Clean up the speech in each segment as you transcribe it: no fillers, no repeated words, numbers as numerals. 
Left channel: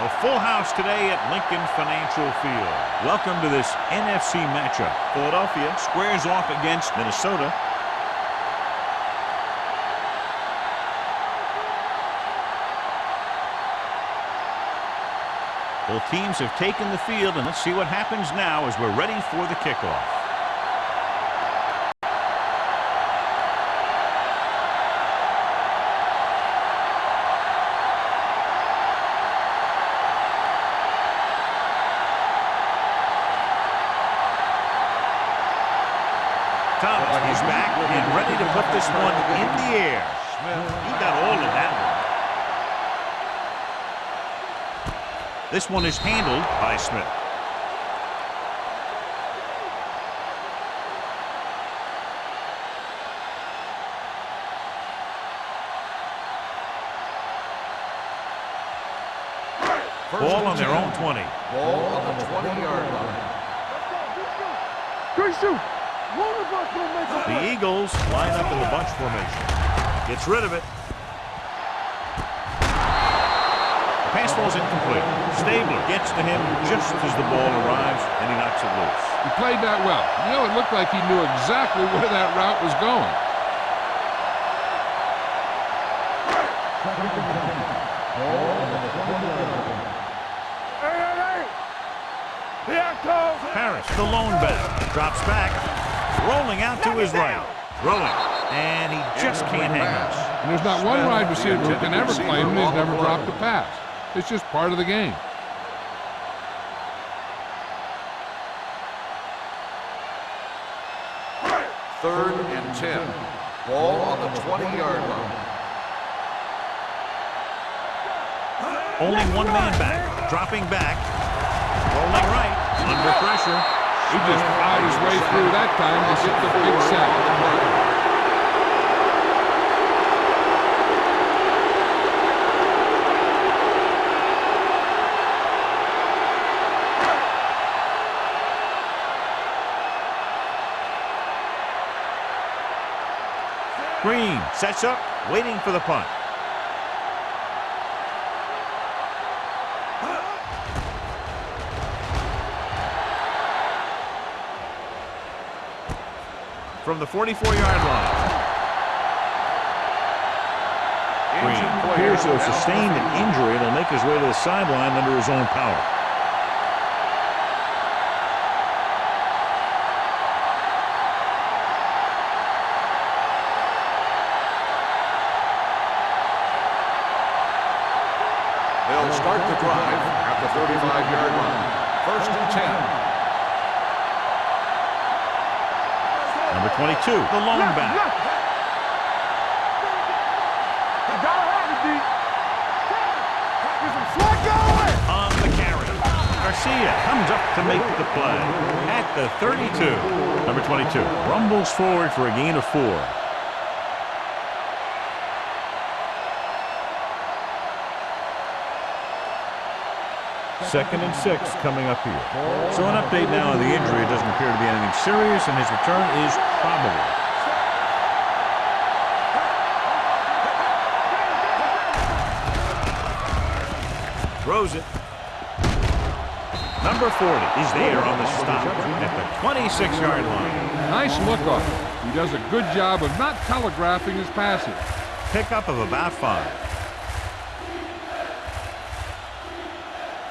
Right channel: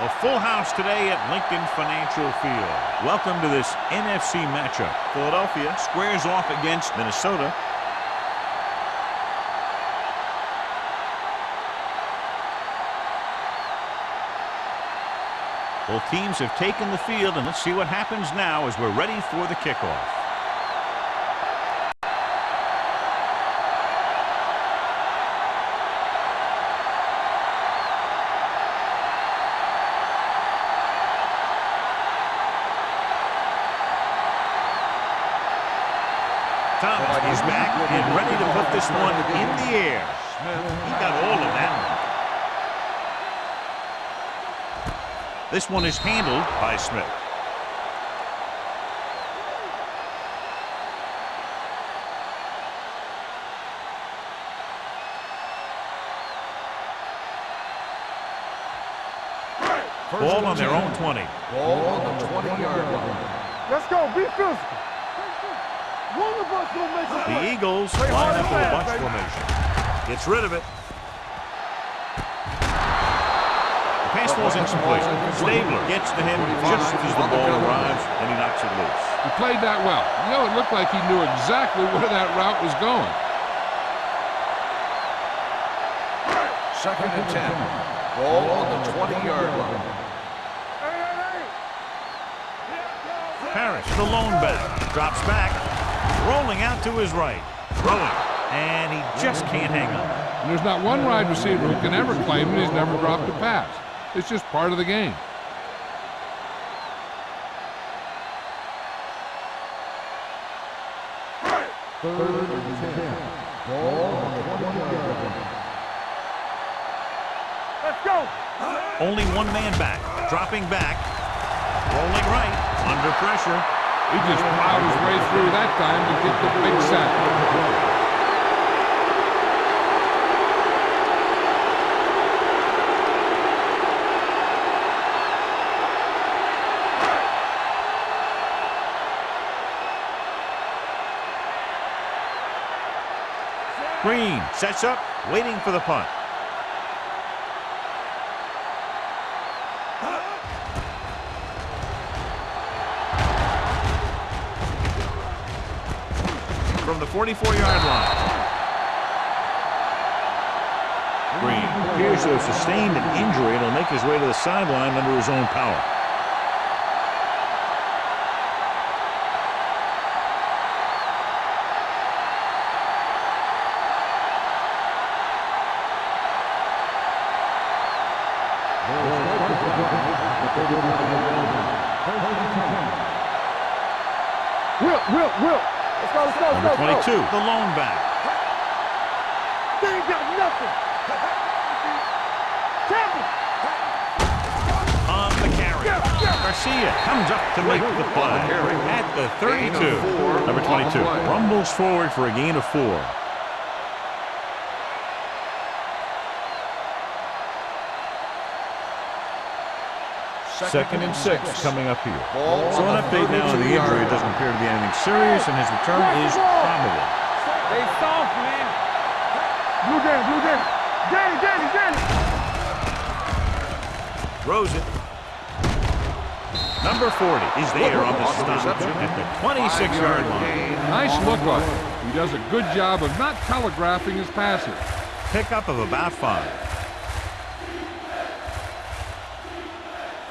A full house today at Lincoln Financial Field. Welcome to this NFC matchup. Philadelphia squares off against Minnesota. Both teams have taken the field, and let's see what happens now as we're ready for the kickoff. Thomas is back and ready to put this one in the air. He got all of that one. This one is handled by Smith. Ball on their own 20. Ball on the 20-yard line. Let's go. Be physical. Great shoot. One of us will make a play. The Eagles line up in the bunch formation. Gets rid of it. The pass falls incomplete. Stabler gets to him just as the ball arrives, and he knocks it loose. He played that well. You know, it looked like he knew exactly where that route was going. 2nd and 10. Ball on the 20-yard line. Parrish, the lone back, drops back, rolling out to his right, throwing, and he just can't hang on. And there's not one wide receiver who can ever claim that he's never dropped a pass. It's just part of the game. Third and 10. Ball on the 20-yard line. Only one man back, dropping back, rolling right, under pressure. He just plowed his way through that time to get the big sack. Green sets up, waiting for the punt. From the 44-yard line. Green appears to have sustained an injury and will make his way to the sideline under his own power. They'll start the drive at the 35-yard line. 1st and 10. Will. Number 22, the lone back. On the carry. Garcia comes up to make the play at the 32. Number 22 rumbles forward for a gain of 4. Second and 6 coming up here. So an update now on the injury. It doesn't appear to be anything serious, and his return is probable. Throws it. Number 40 is there on the stop at the 26-yard line. Nice look of him. He does a good job of not telegraphing his passes. Pickup of about 5.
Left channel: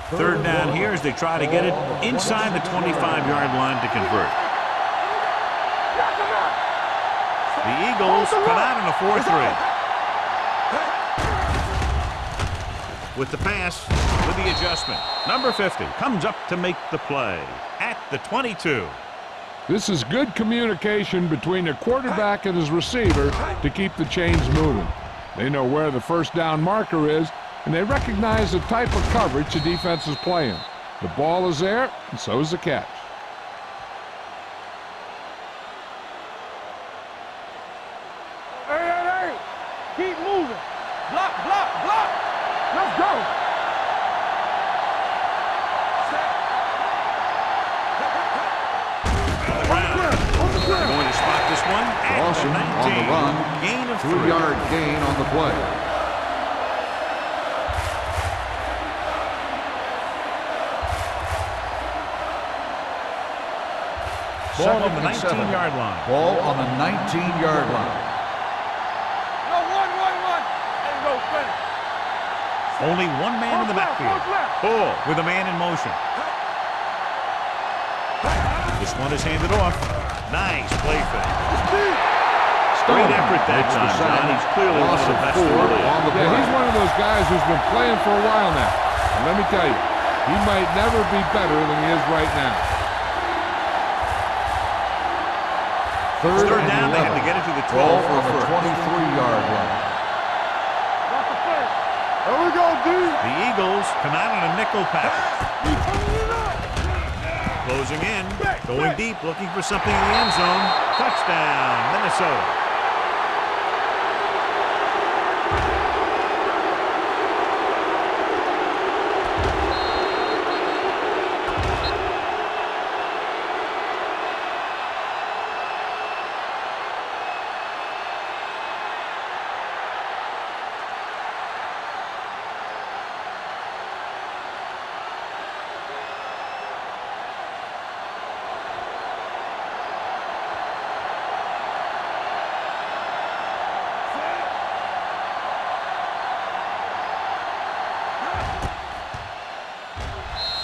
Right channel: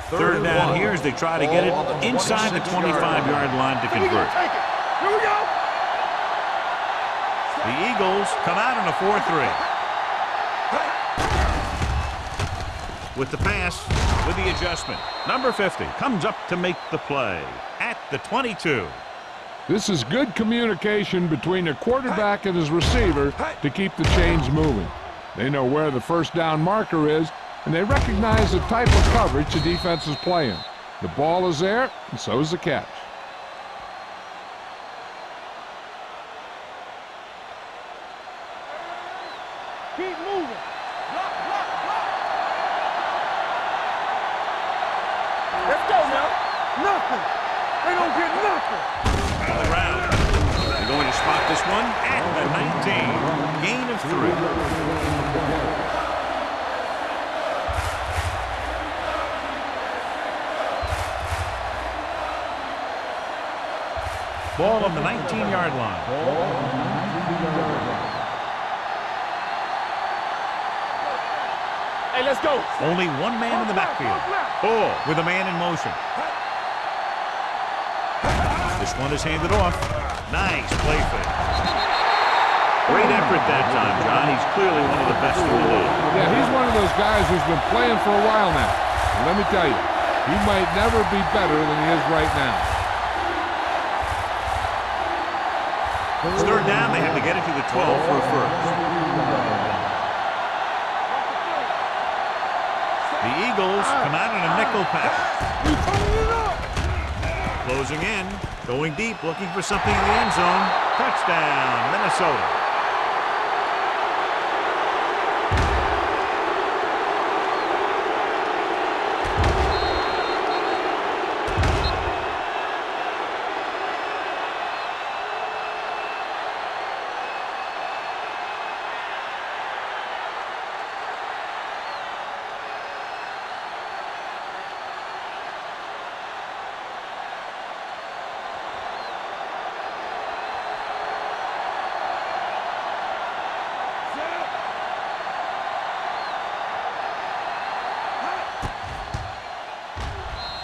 Third down here as they try to get it inside the 25-yard line to convert. The Eagles come out in a 4-3. With the pass, with the adjustment. Number 50 comes up to make the play at the 22. This is good communication between the quarterback and his receiver to keep the chains moving. They know where the first down marker is, and they recognize the type of coverage the defense is playing. The ball is there, and so is the catch. Hey. Keep moving. Block. Let's go. Zach. Nothing. They don't get nothing. On the ground. They're going to spot this one at the 19. Gain of 3. 2-yard gain on the play. Ball on the 19-yard line. Ball on the 19-yard line. No, one. Hey, no, thing. Hey, let's go. Only one man in the backfield. Ball with a man in motion. This one is handed off. Nice play fake. Great effort that time, John. He's clearly one of the best in the league. Yeah, he's one of those guys who's been playing for a while now. And let me tell you, he might never be better than he is right now. It's third down. They have to get it to the 12 for a first. 23-yard line. Watch the play. There we go, dude. The Eagles come out in a nickel package. We turning it up. Closing in, going deep, looking for something in the end zone. Touchdown, Minnesota.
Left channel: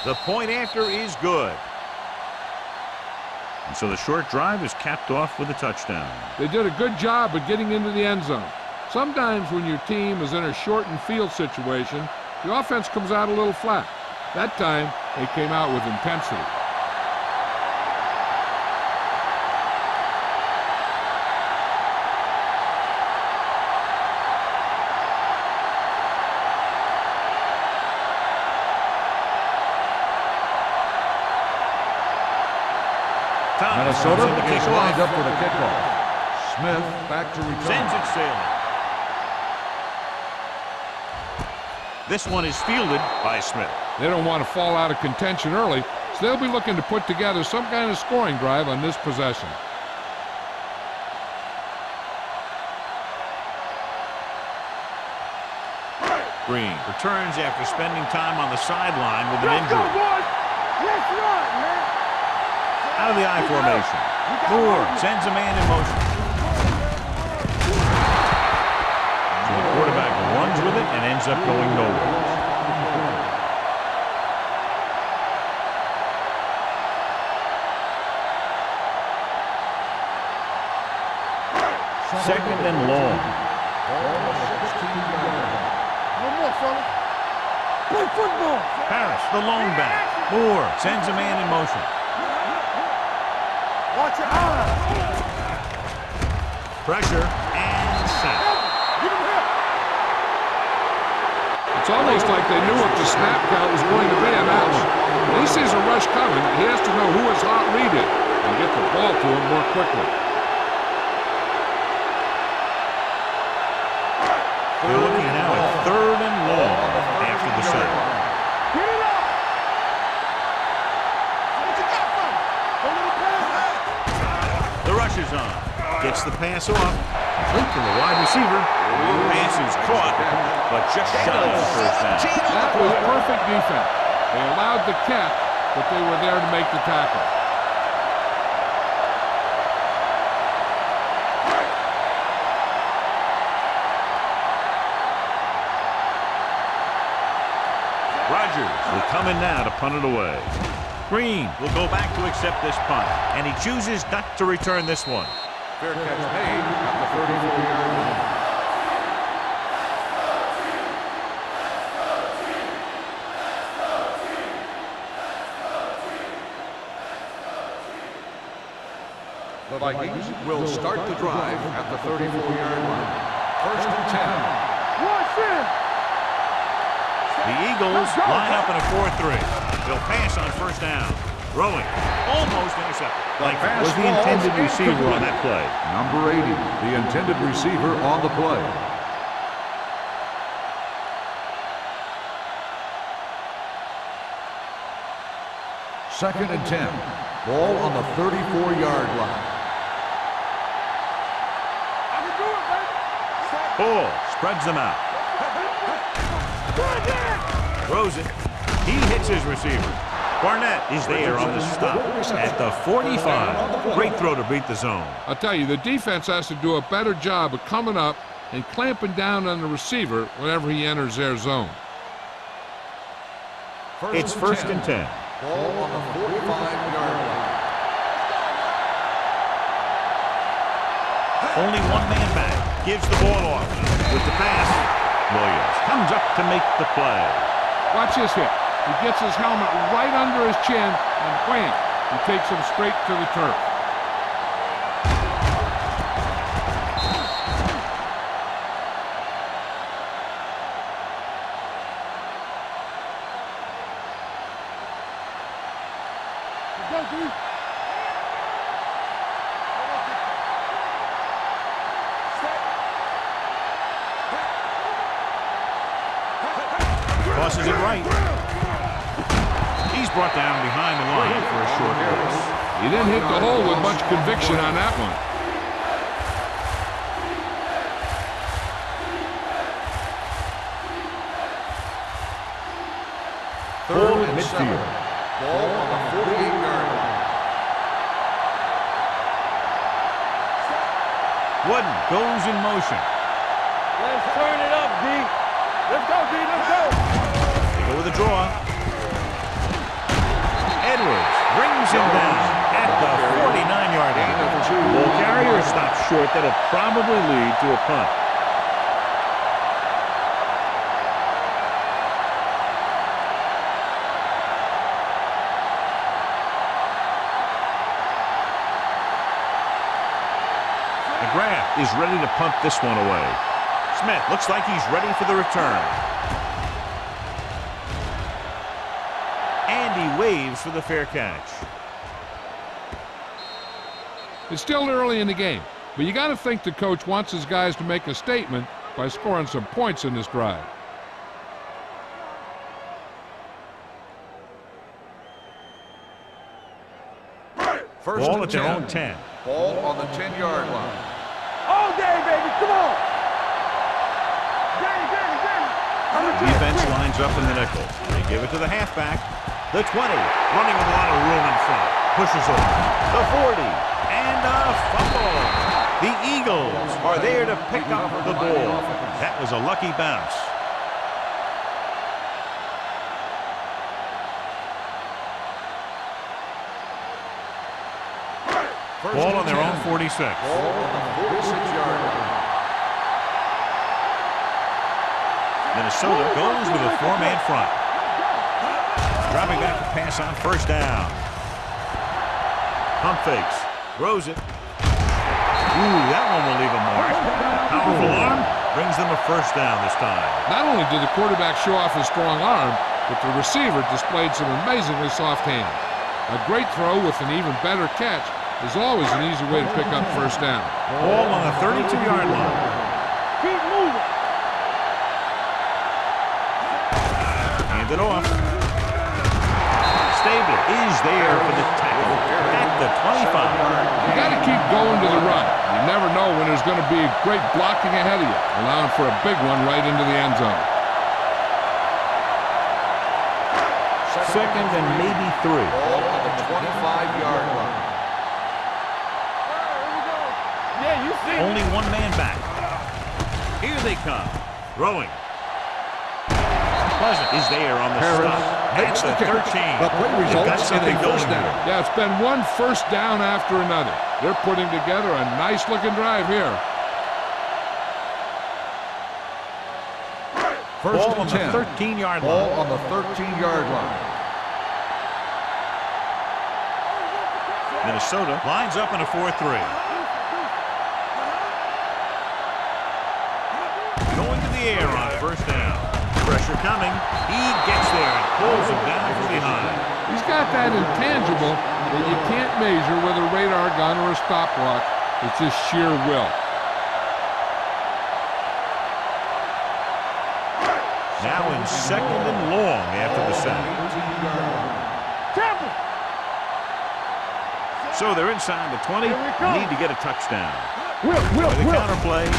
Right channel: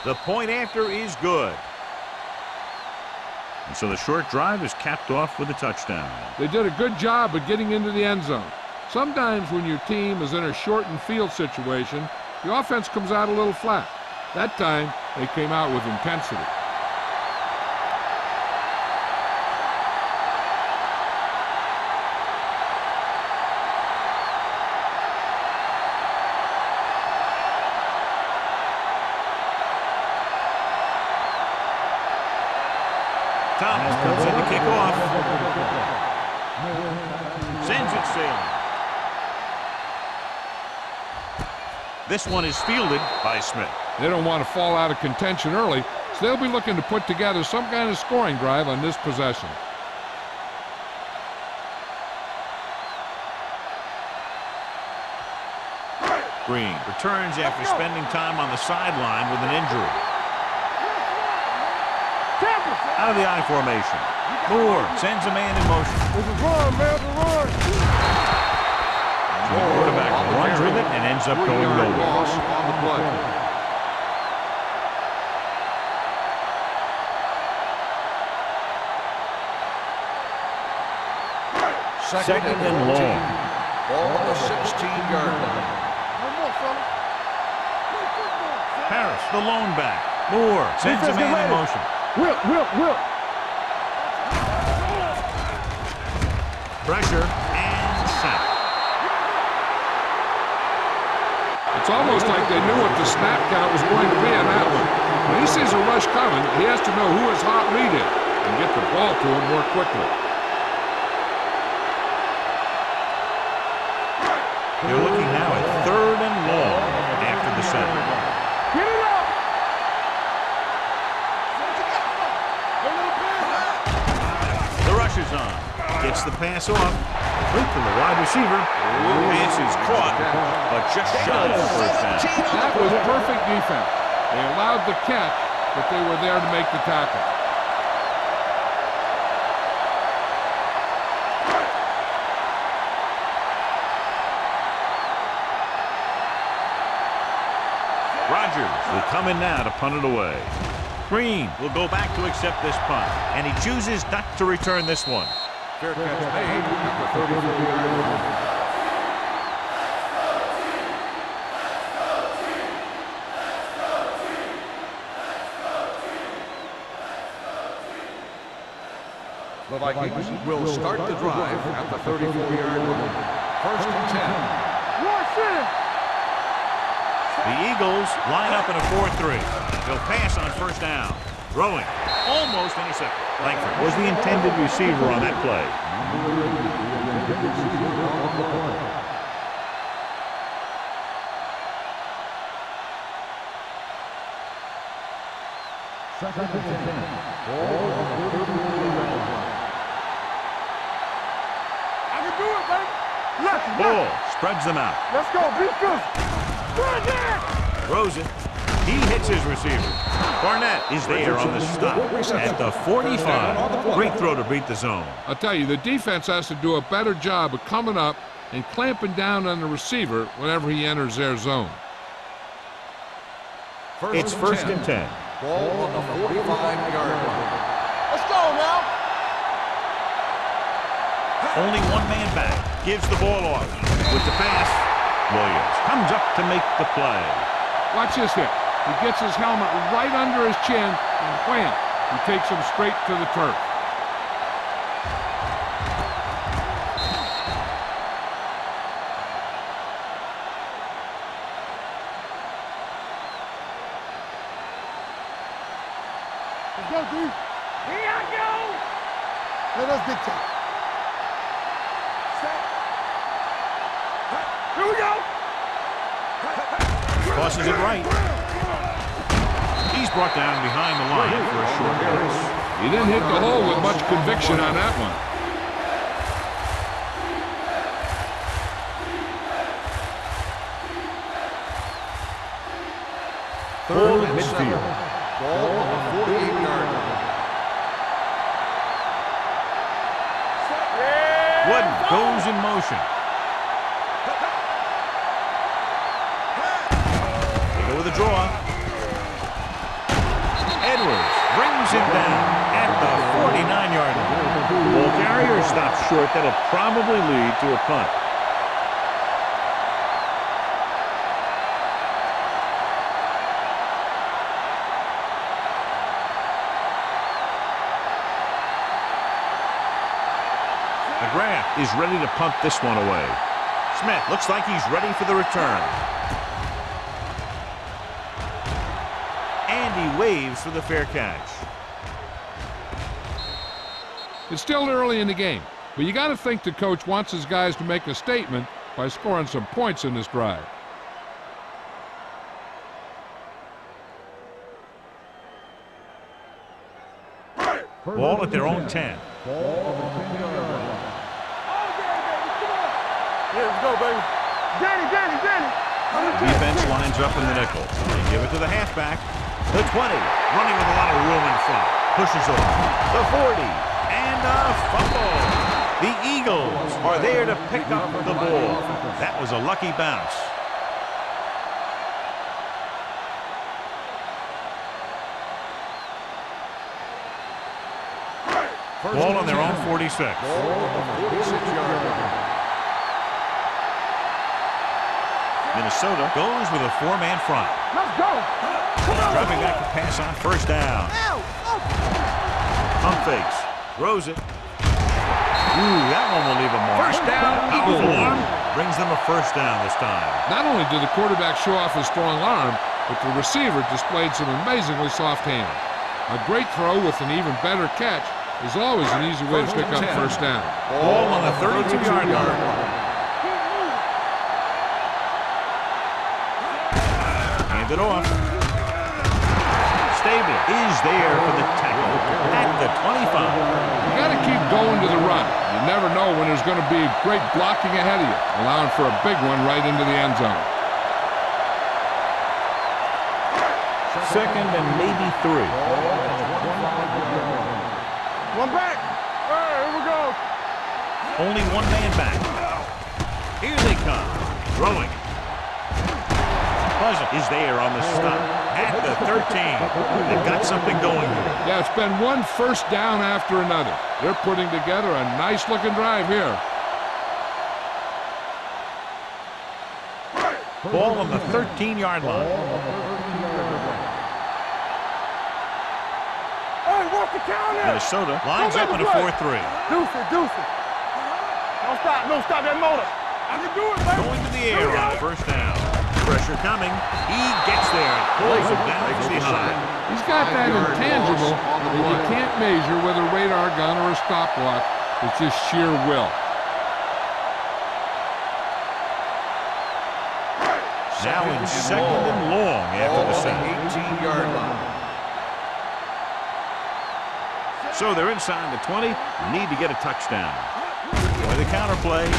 The point after is good. And so the short drive is capped off with a touchdown. They did a good job of getting into the end zone. Sometimes when your team is in a shortened field situation, the offense comes out a little flat. That time, they came out with intensity. Thomas comes in to kick off. Up for the kickoff. Smith back to return. Sends it sailing. This one is fielded by Smith. They don't want to fall out of contention early, so they'll be looking to put together some kind of scoring drive on this possession. Green returns after spending time on the sideline with an injury. Let's run, man. Out of the I formation. Moore sends a man in motion. This is run, man. It's a run. So the quarterback runs with it and ends up going nowhere. Loss on the play. Second and long. Ball on the 16-yard line. No more, fellas. Play football. Harris, the lone back. Moore sends a man in motion. Whip. Watch out. Pressure and sack. Give him help. It's almost like they knew what the snap count was going to be in that one. When he sees a rush coming, he has to know who his hot read is and get the ball to him more quickly. They're looking now at third and long after the sack. Get it up. What you got from him? Don't let him pass. The rush is on. Gets the pass off. Complete to the wide receiver. Pass is caught, but just shy of the first down. That was perfect defense. They allowed the catch, but they were there to make the tackle. Rodgers will come in now to punt it away. Green will go back to accept this punt, and he chooses not to return this one. Fair catch made at the 34-yard line. The Vikings will start the drive at the 34-yard line. First and 10. Watch in. The Eagles line up in a 4-3. They'll pass on first down. Throwing. Almost intercepted. Langford was the intended receiver on that play. Number 80, the intended receiver on the play. Second and 10. Ball on the 34-yard line. I can do it, baby. Let's Ball spreads them out. go. Defense. Run there. Throws it. He hits his receiver. Barnett is there on the stop at the 45. Great throw to beat the zone. I'll tell you, the defense has to do a better job of coming up and clamping down on the receiver whenever he enters their zone. It's first and 10. Ball on the 45-yard line. Let's go now. Only one man back. Gives the ball off. With the pass, Williams comes up to make the play. Watch this hit. He gets his helmet right under his chin, and wham, he takes him straight to the turf. Let's go, D. Here I go. Let's get to it. Set. Here we go. Tosses it right. He's brought down behind the line for a short pass. He didn't hit the hole with much conviction on that one. Ball at and midfield. 7. Ball on the 48-yard line. Wooden goes in motion. Let's turn it up, D. Let's go, D. Let's go. They go with a draw. Edwards brings him down at the 49-yard line. The ball carrier stops short. That'll probably lead to a punt. McGrath is ready to punt this one away. Smith looks like he's ready for the return. And he waves for the fair catch. It's still early in the game, but you got to think the coach wants his guys to make a statement by scoring some points in this drive. Ball at their own 10. Ball on the 10-yard line. All day, baby. Come on. Here we go, baby. Danny. Defense lines up in the nickel. They give it to the halfback. The 20, running with a lot of room in front. Pushes over. The 40, and a fumble. The Eagles are there to pick up the ball. That was a lucky bounce. Ball on their own 46. Ball on the 46-yard line. Minnesota goes with a four-man front. Let's go. Dropping back to pass on first down. Pump fakes. Throws it. Ooh, that one will leave a mark. A powerful arm brings them a first down this time. Not only did the quarterback show off his strong arm, but the receiver displayed some amazingly soft hands. A great throw with an even better catch is always an easy way to pick up first down. Ball on the 32-yard line. Keep moving. Hand it off. Stabler is there for the tackle at the 25. You got to keep going to the run. You never know when there's going to be great blocking ahead of you, allowing for a big one right into the end zone. Second and maybe 3. Ball on the 25-yard line. One back. All right, here we go. Yeah, you see. Only one man back. Here they come. Throwing. Pleasant is there on the stop. That's the 13. They've got something going here. Yeah, it's been one first down after another. They're putting together a nice-looking drive here. Ball on the 13-yard line. Ball on the 13-yard line. Hey, what's the count? Minnesota lines up in a 4-3. Deuce it. Don't stop that motor. Going to the air on first down. Pressure coming. He gets there and pulls him down from behind. He's got that intangible that you can't measure with a radar gun or a stopwatch. It's just sheer will. Now in second and long after the sack. 18-yard line. So they're inside the 20. Need to get a touchdown. With the counter play.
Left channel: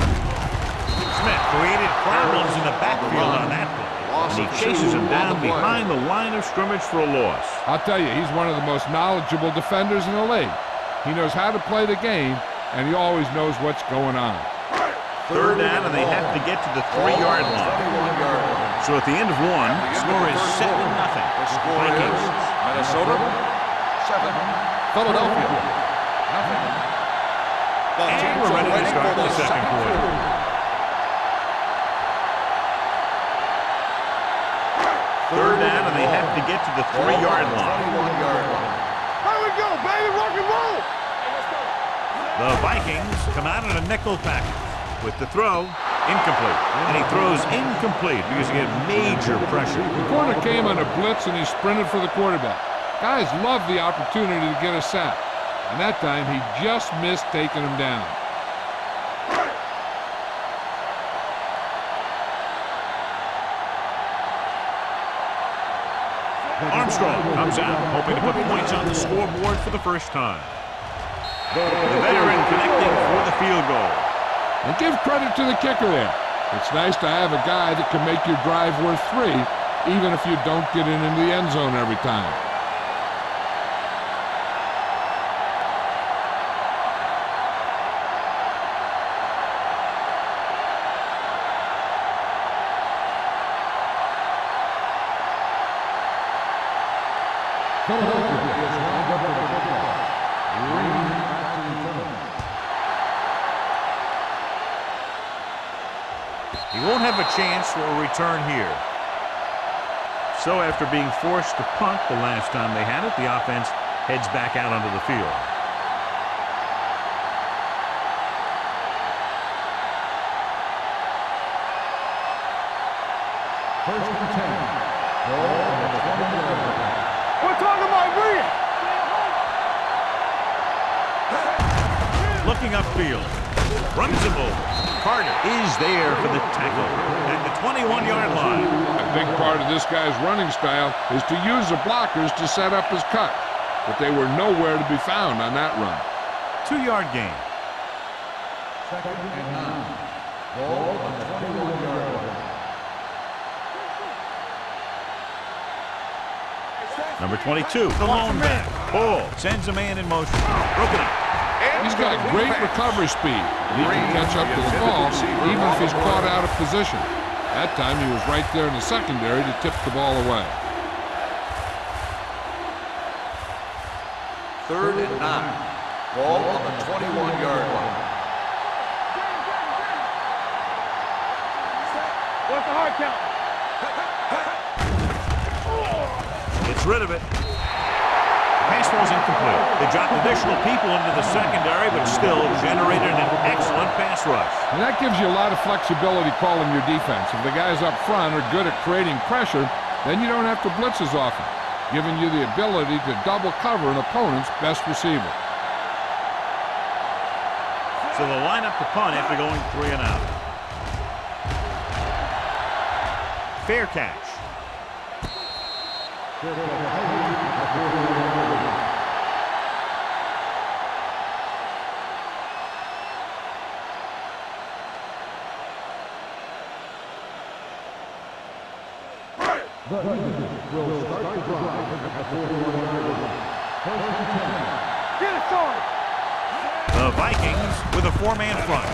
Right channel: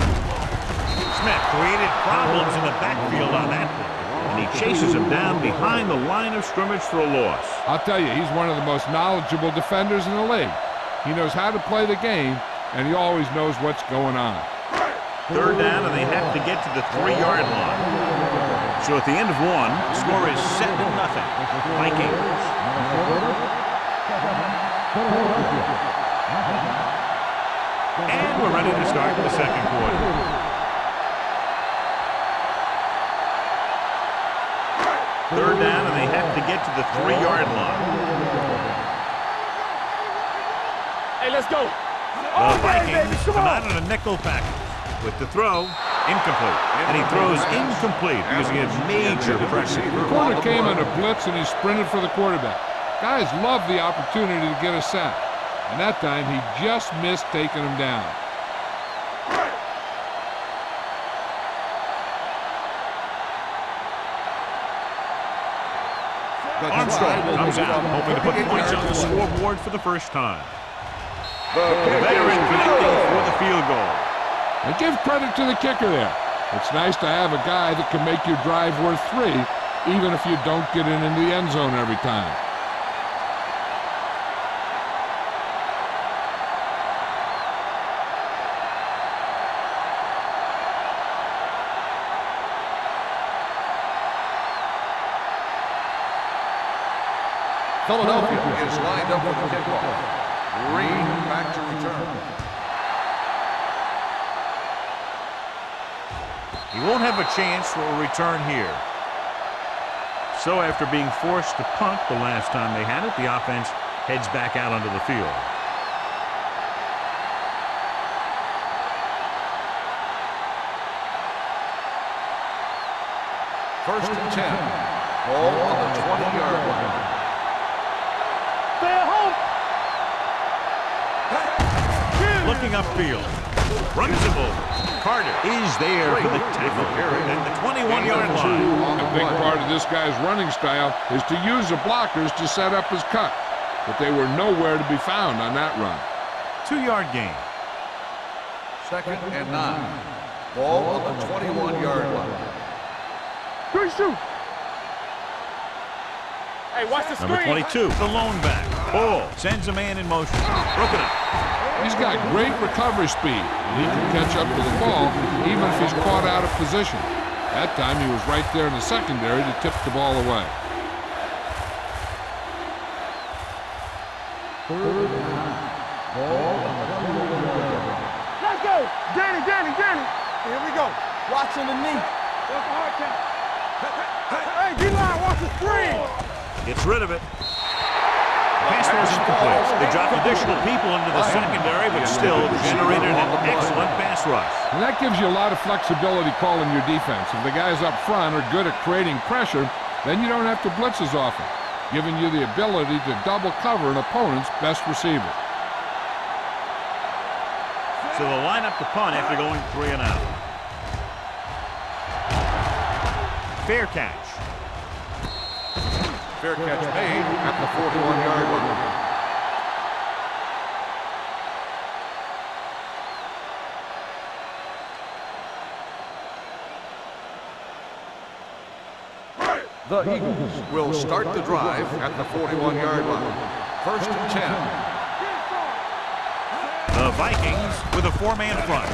Smith created problems in the backfield on that play, and he chases him down behind the line of scrimmage for a loss. I'll tell you, he's one of the most knowledgeable defenders in the league. He knows how to play the game, and he always knows what's going on. Third down, and they have to get to the 3-yard line. So at the end of one, score is 7-0. Vikings. Minnesota, 7. Philadelphia, 0. And we're ready to start the second quarter. Third down, and they have to get to the 3-yard line. Here we go, baby. Rock and roll. Hey, let's go. The Vikings come out in a nickel package. With the throw, incomplete. And he throws incomplete because he had major pressure. The corner came on a blitz, and he sprinted for the quarterback. Guys love the opportunity to get a sack. And that time, he just missed taking him down. Armstrong comes out, hoping to put points on the scoreboard for the first time. The veteran connecting for the field goal. And give credit to the kicker there. It's nice to have a guy that can make your drive worth 3, even if you don't get it into the end zone every time. Philadelphia is lined up for the kickoff. Green back to return. He won't have a chance for a return here. So after being forced to punt the last time they had it, the offense heads back out onto the field. First and 10. Ball on the 20-yard line. We're talking about Reed. Stay at home. Looking upfield. Runs him over. Carter is there for the tackle at the 21-yard line. A big part of this guy's running style is to use the blockers to set up his cut. But they were nowhere to be found on that run. 2-yard gain. Second and 9. Ball on the 21-yard line. Good shoot. Hey, watch the Number screen. 22, the lone back. Ball sends a man in motion. Broken up. He's got great recovery speed. He can catch up to the ball even if he's caught out of position. That time he was right there in the secondary to tip the ball away. Third and 9. Ball on the 21-yard line. Let's go. Danny. Here we go. Watch on the knee. What's the hard count? Hey, D-line, watch the screen. Gets rid of it. The pass ball's incomplete. They dropped additional people into the secondary, but still generated an excellent pass rush. And that gives you a lot of flexibility calling your defense. If the guys up front are good at creating pressure, then you don't have to blitz as often, giving you the ability to double cover an opponent's best receiver. So they'll line up to punt after going 3 and out. Fair catch. Fair catch made at the 41-yard line. The Eagles will start the drive at the 41-yard line. First and 10. Get it, son. The Vikings with a 4-man front.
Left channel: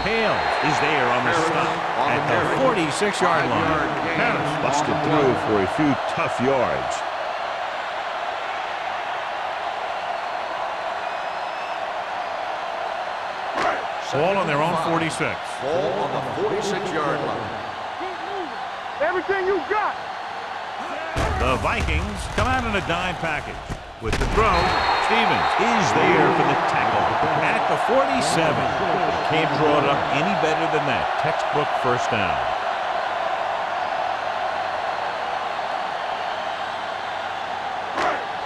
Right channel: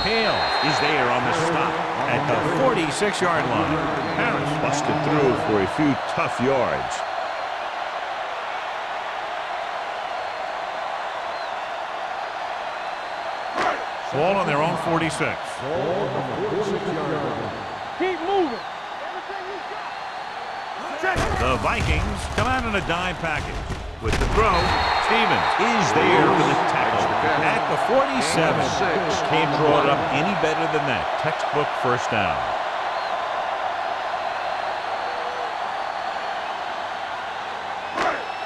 Hales is there on the stop at the 46-yard line. Harris busted through for a few tough yards. Ball on their own 46. Ball on the 46-yard line. Keep moving. Everything you got. The Vikings come out in a dime package. With the throw, Stevens is there for the tackle at the 47. Can't draw it up any better than that. Textbook first down.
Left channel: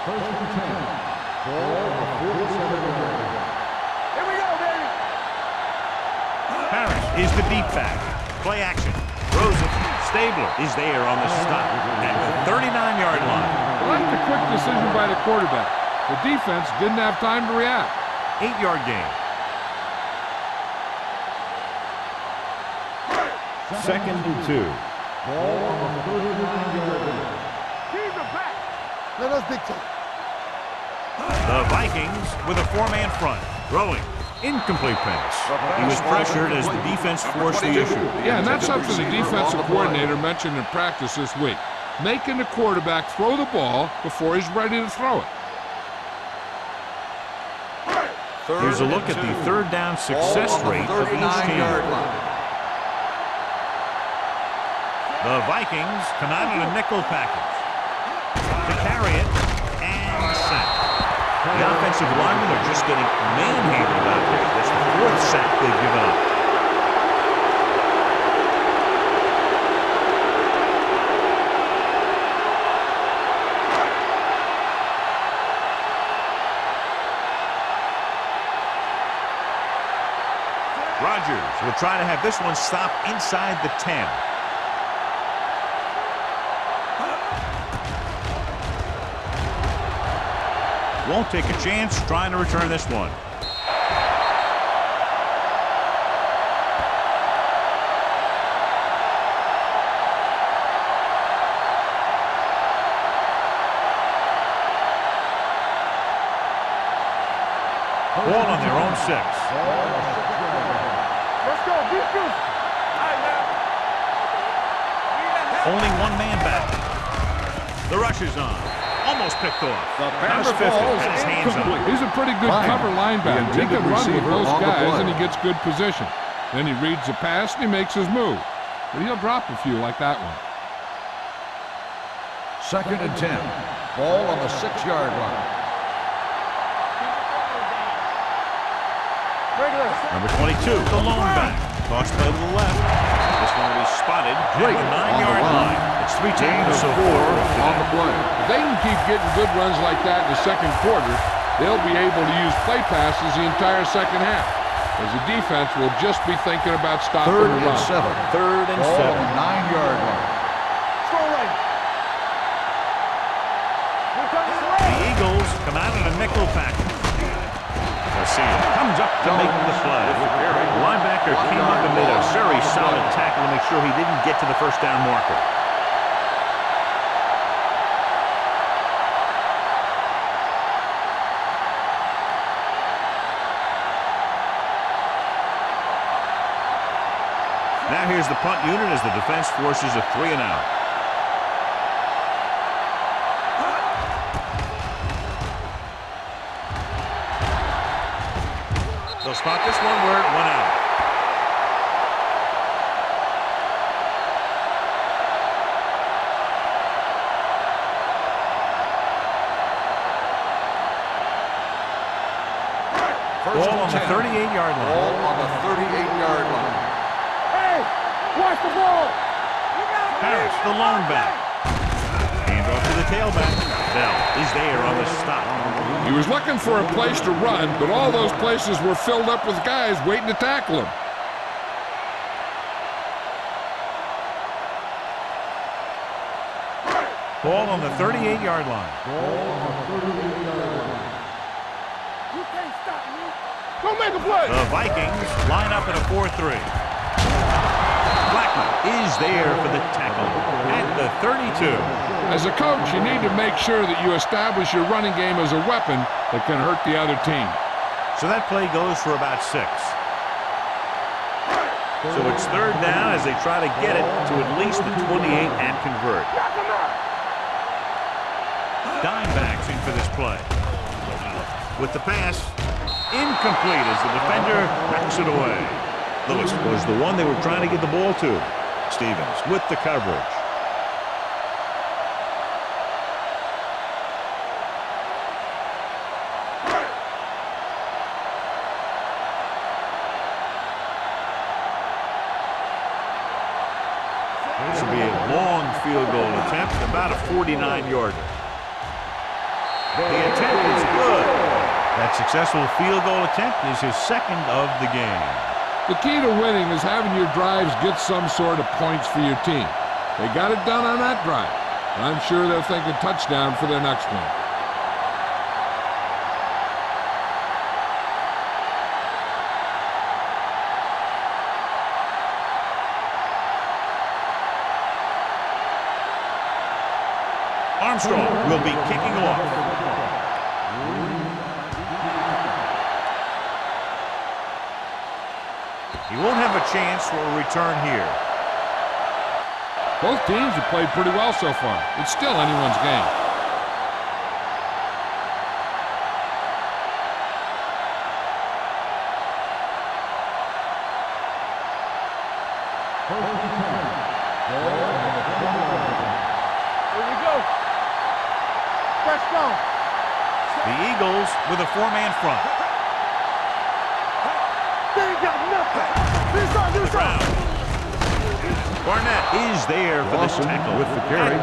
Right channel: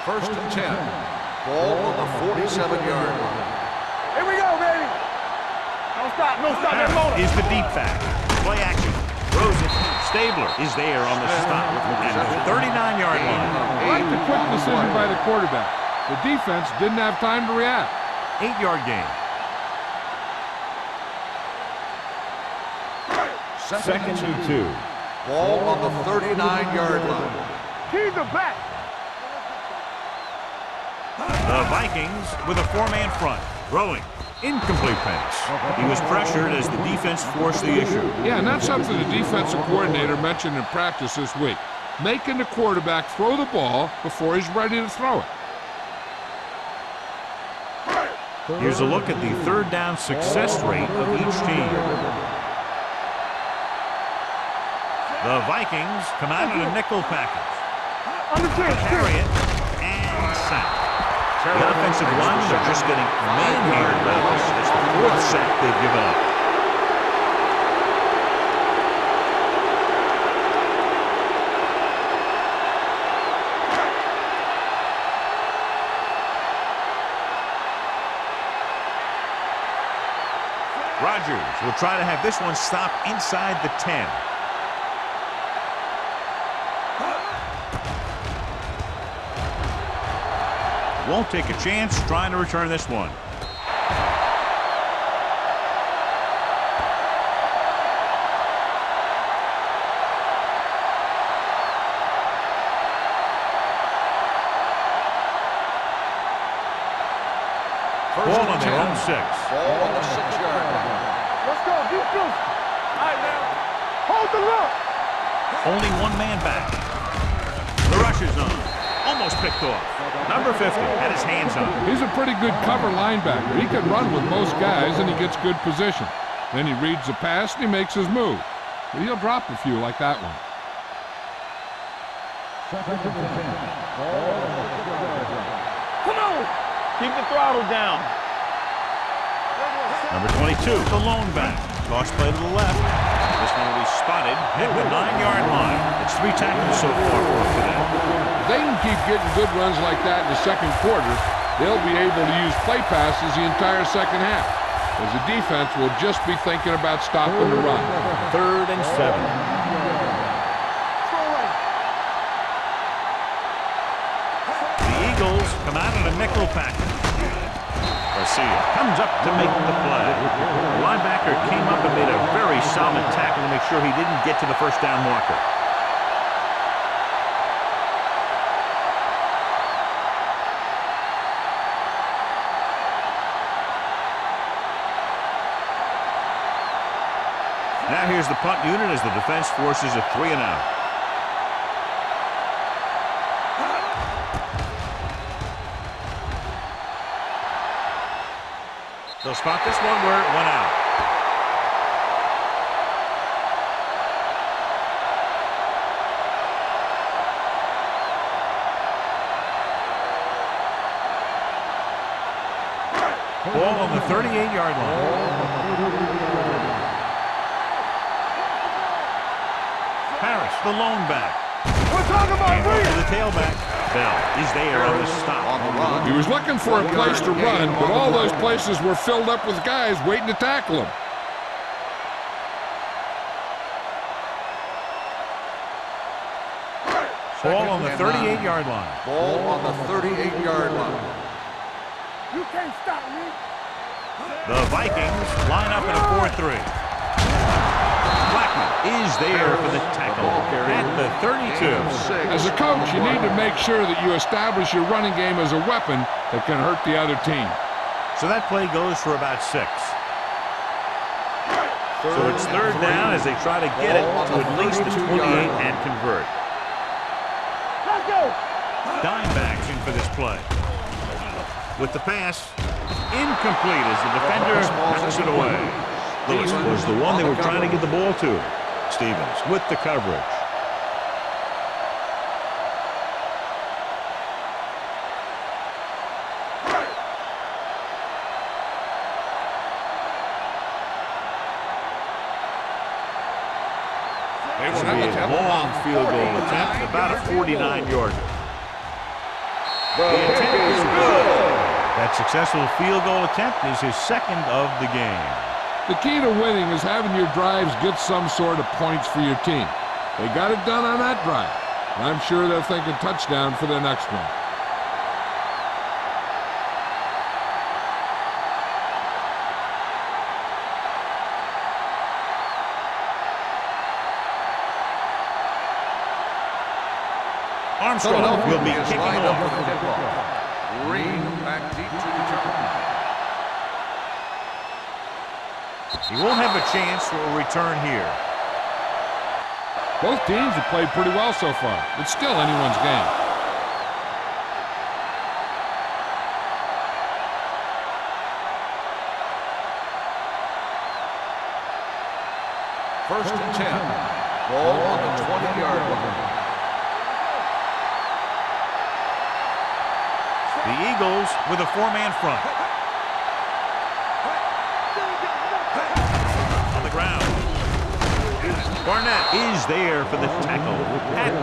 First and 10. Ball on the 47-yard line. Here we go, baby. Don't stop. No stop. Harris is the deep back. Play action. Throws it. Stabler is there on the stop at the 39-yard line. I like the quick decision by the quarterback. The defense didn't have time to react. 8-yard gain. Second and 2. Ball on the 39-yard line. Keys are back. Man, that's big time. The Vikings with a four-man front. Throwing. Incomplete pass. He was pressured as the defense forced the issue. Yeah, and that's something the defensive coordinator mentioned in practice this week. Making the quarterback throw the ball before he's ready to throw it. Here's a look at the third down success rate of each team. The Vikings come out in a nickel package. To carry it and sack. The offensive linemen are just getting manhandled out there. That's the fourth sack they've given up. Rodgers will try to have this one stop inside the 10. Won't take a chance trying to return this one. Ball on their own 6. Let's go. Be physical. All right, now. Hold the look. Only one man back. The rush is on. Almost picked off. Number 50 had his hands on it. He's a pretty good cover linebacker. He can run with most guys, and he gets good position. Then he reads the pass, and he makes his move. But he'll drop a few like that one. Second and 10. Ball on the 6-yard line. Come on. Keep the throttle down. Number 22, the lone back. Toss play to the left. This one will be spotted at the 9-yard line. It's 3 tackles so far for him today. If they can keep getting good runs like that in the second quarter, they'll be able to use play passes the entire second half, as the defense will just be thinking about stopping the run. Third and 7. 9-yard line. Throw right. The Eagles come out in a nickel package. Garcia comes up to make the play. The linebacker came up and made a very solid tackle to make sure he didn't get to the first down marker. Now here's the punt unit as the defense forces a 3-and-out. They'll spot this one where it went out. Ball on the 38-yard line. Ball on the 38-yard line. Harris, the lone back. And off to the tailback. Bell is there on the stop. He was looking for a place to run, but all those places were filled up with guys waiting to tackle him. Ball on the 38-yard line. Ball on the 38-yard line. You can't stop me. Don't make a play. The Vikings line up in a 4-3. Blackman is there for the tackle at the 32. As a coach, you need to make sure that you establish your running game as a weapon that can hurt the other team. So that play goes for about 6. So it's third down as they try to get it to at least the 28 and convert. Dime backs in for this play. With the pass, incomplete as the defender knocks it away. Lewis was the one they were trying to get the ball to. Stevens with the coverage. This will be a long field goal attempt, about a 49-yarder. The attempt is good. That successful field goal attempt is his second of the game. The key to winning is having your drives get some sort of points for your team. They got it done on that drive, and I'm sure they're thinking touchdown for their next one. Armstrong will be kicking off. Green back deep to return. He won't have a chance for a return here. Both teams have played pretty well so far. It's still anyone's game. First and 10. Ball on the 20-yard line. Here we go. Let's go. The Eagles with a four-man front. They ain't got nothing. On the ground. Barnett is there for the tackle at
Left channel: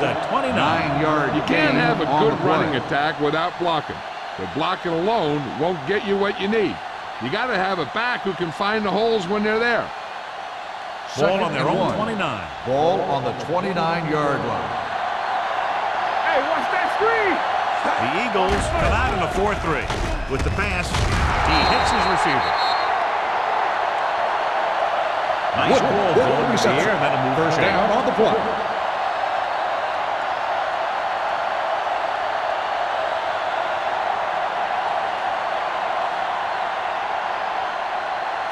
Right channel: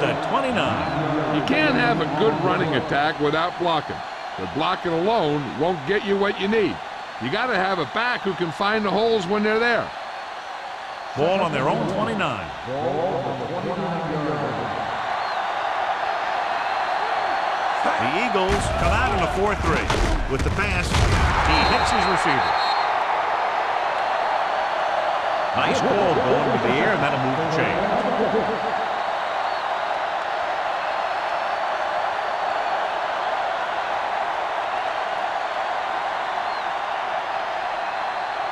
the 29. You can't have a good running attack without blocking, but blocking alone won't get you what you need. You got to have a back who can find the holes when they're there. Ball on their own 29. Ball on the 29-yard line. Hey, watch that screen. The Eagles come out in a 4-3. With the pass, he hits his receiver. Nice ball going to the air, and that'll move the chain. On the play.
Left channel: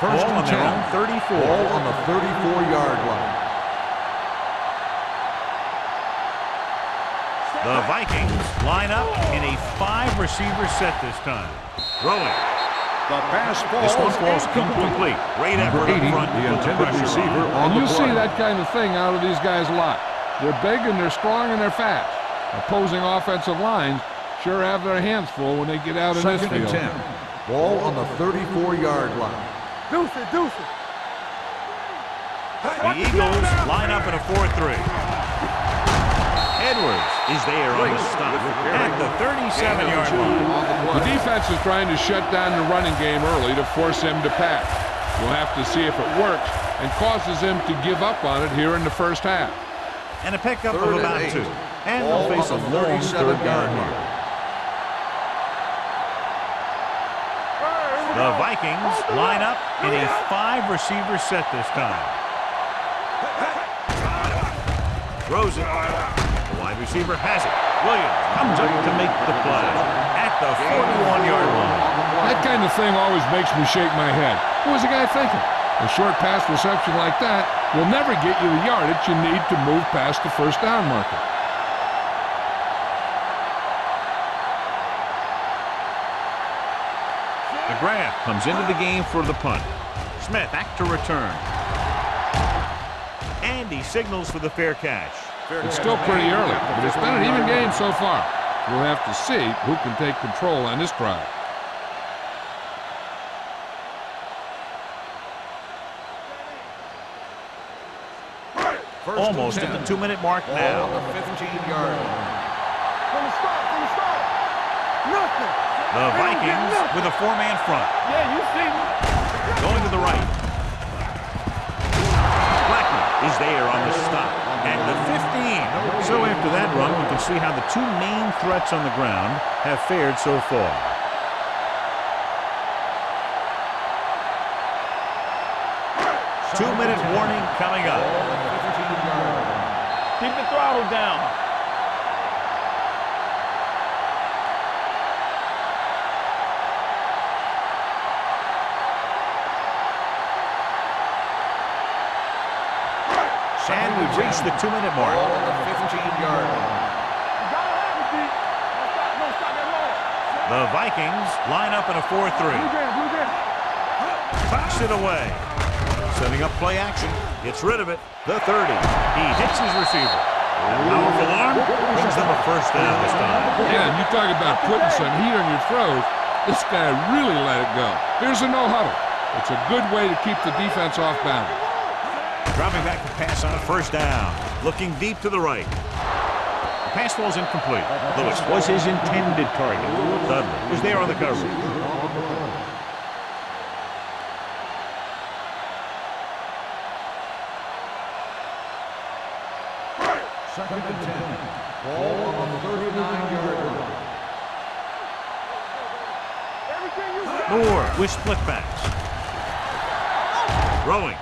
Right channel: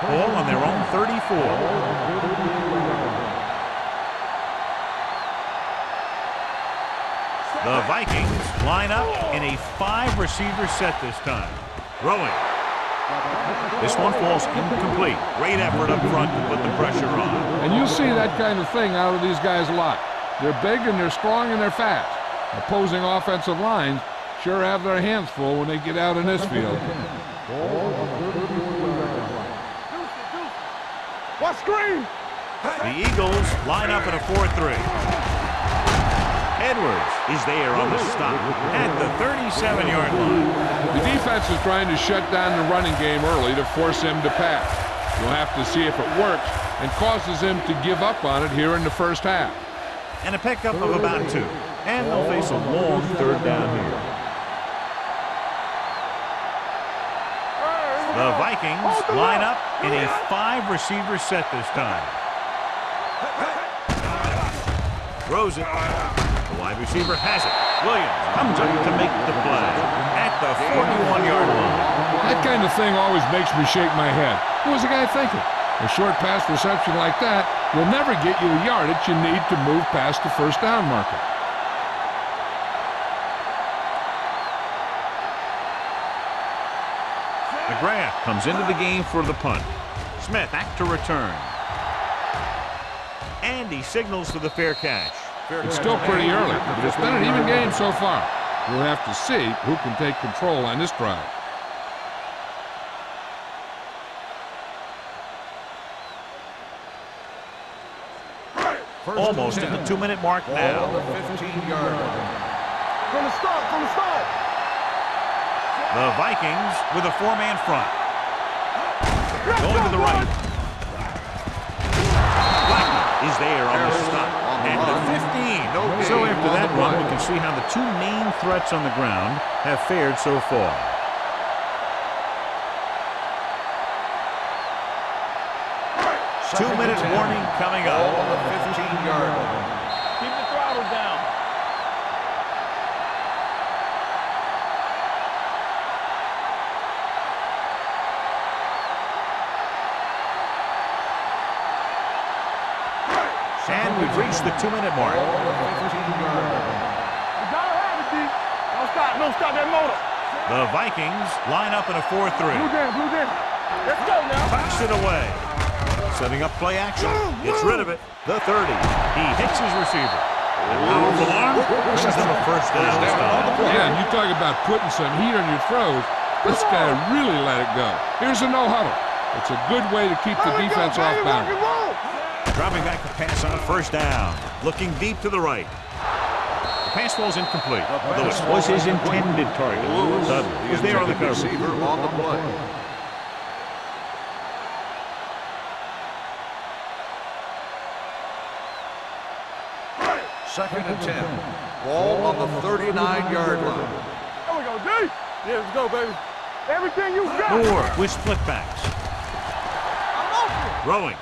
Ball on their own 34. Ball on the 34-yard line. The Vikings line up in a 5-receiver set this time. Throwing. This one falls incomplete. Great effort up front to put the pressure on. And you'll see that kind of thing out of these guys a lot. They're big and they're strong and they're fast. Opposing offensive lines sure have their hands full when they get out in this field. Ball on the 34-yard line. Deuce it, deuce it. What screen? The Eagles line up in a 4-3. Edwards is there on the stop at the 37-yard line. The defense is trying to shut down the running game early to force him to pass. We'll have to see if it works and causes him to give up on it here in the first half. And a pickup of about 2. And they'll face a long third down here. The Vikings line up in a 5-receiver set this time. Throws it. The wide receiver has it. Williams comes up to make the play at the 41-yard line. That kind of thing always makes me shake my head. What was the guy thinking? A short pass reception like that will never get you the yardage you need to move past the first down marker. McGrath comes into the game for the punt. Smith back to return. And he signals for the fair catch. It's still pretty early, but it's been an even game so far. We'll have to see who can take control on this drive. Almost at the 2-minute mark now. Ball on the 15-yard line. From the start, nothing. The Vikings with a 4-man front. Yeah, you see what? Going to the right. Blackman is there on the stop at the 15. So after that run, we can see how the 2 main threats on the ground have fared so far. Two-minute warning coming up. Ball on the 15-yard line. Keep the throttle down. And we've reached the 2-minute mark. Ball on the 15-yard line. You gotta have it, D. Don't stop that motor. The Vikings line up in a 4-3. Blue jam. Let's go now. Tucks it away. Setting up play action. Gets rid of it. The 30. He hits his receiver. That powerful arm brings them a first down this time. Yeah, and you talk about putting some heat on your throws. This guy really let it go. Here's a no huddle. It's a good way to keep the defense off balance. Dropping back the pass on first down. Looking deep to the right. The pass falls incomplete. Lewis was his intended target. Dudley was there on the coverage. Receiver on the play. Second and 10. Ball on the 39-yard line. There we go, D. Yeah, let's go, baby. Everything you got. Moore with split backs. Throwing.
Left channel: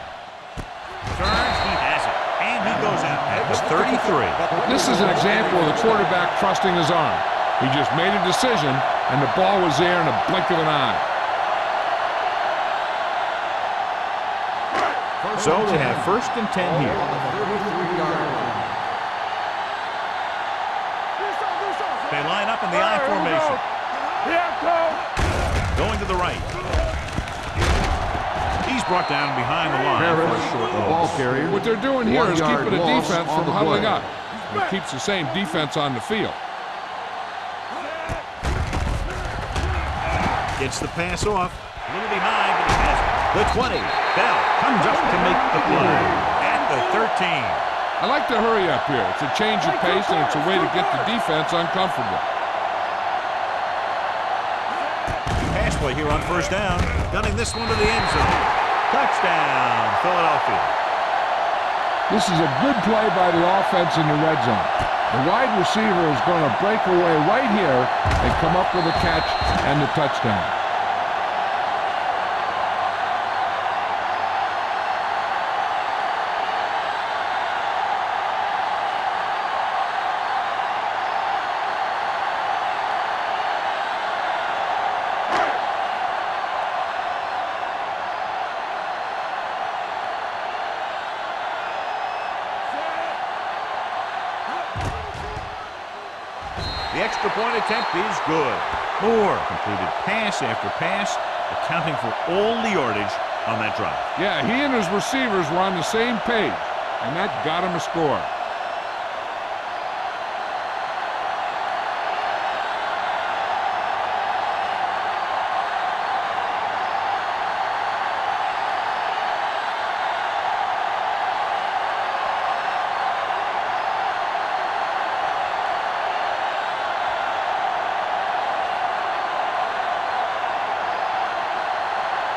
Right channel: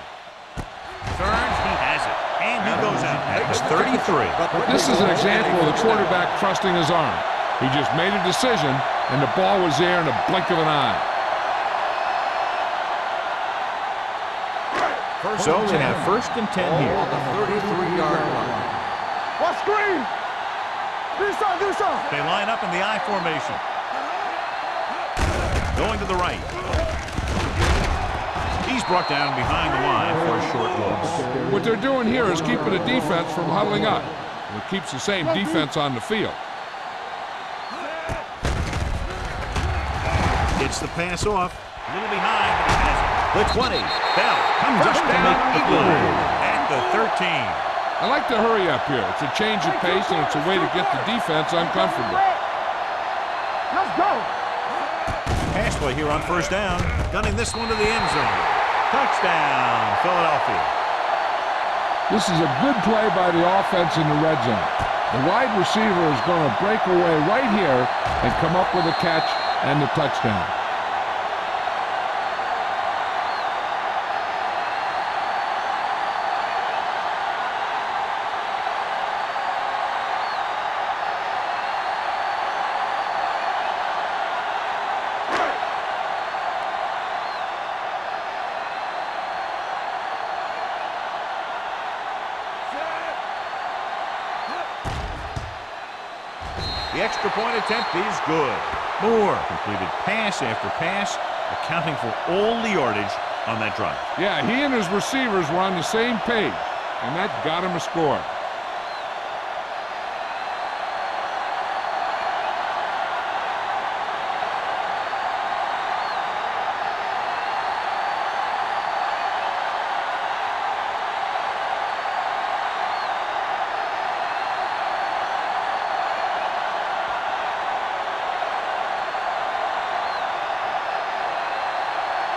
Turns, he has it. And he goes out at the 33. This is an example of the quarterback trusting his arm. He just made a decision, and the ball was there in a blink of an eye. So they have 1st and 10 here. On the 33-yard line. Watch screen. Do something. They line up in the I formation. Going to the right. He's brought down behind the line for a short loss. What they're doing here is keeping the defense from huddling up. And it keeps the same defense on the field. Gets the pass off. A little behind, but he has it. The 20. Bell comes up to make the play at the 13. I like to hurry up here. It's a change of pace, and it's a way to get the defense uncomfortable. Let's go. Pass play here on 1st down. Gunning this one to the end zone. Touchdown, Philadelphia. This is a good play by the offense in the red zone. The wide receiver is going to break away right here and come up with a catch and the touchdown. The extra point attempt is good. Moore completed pass after pass, accounting for all the yardage on that drive. Yeah, he and his receivers were on the same page, and that got him a score.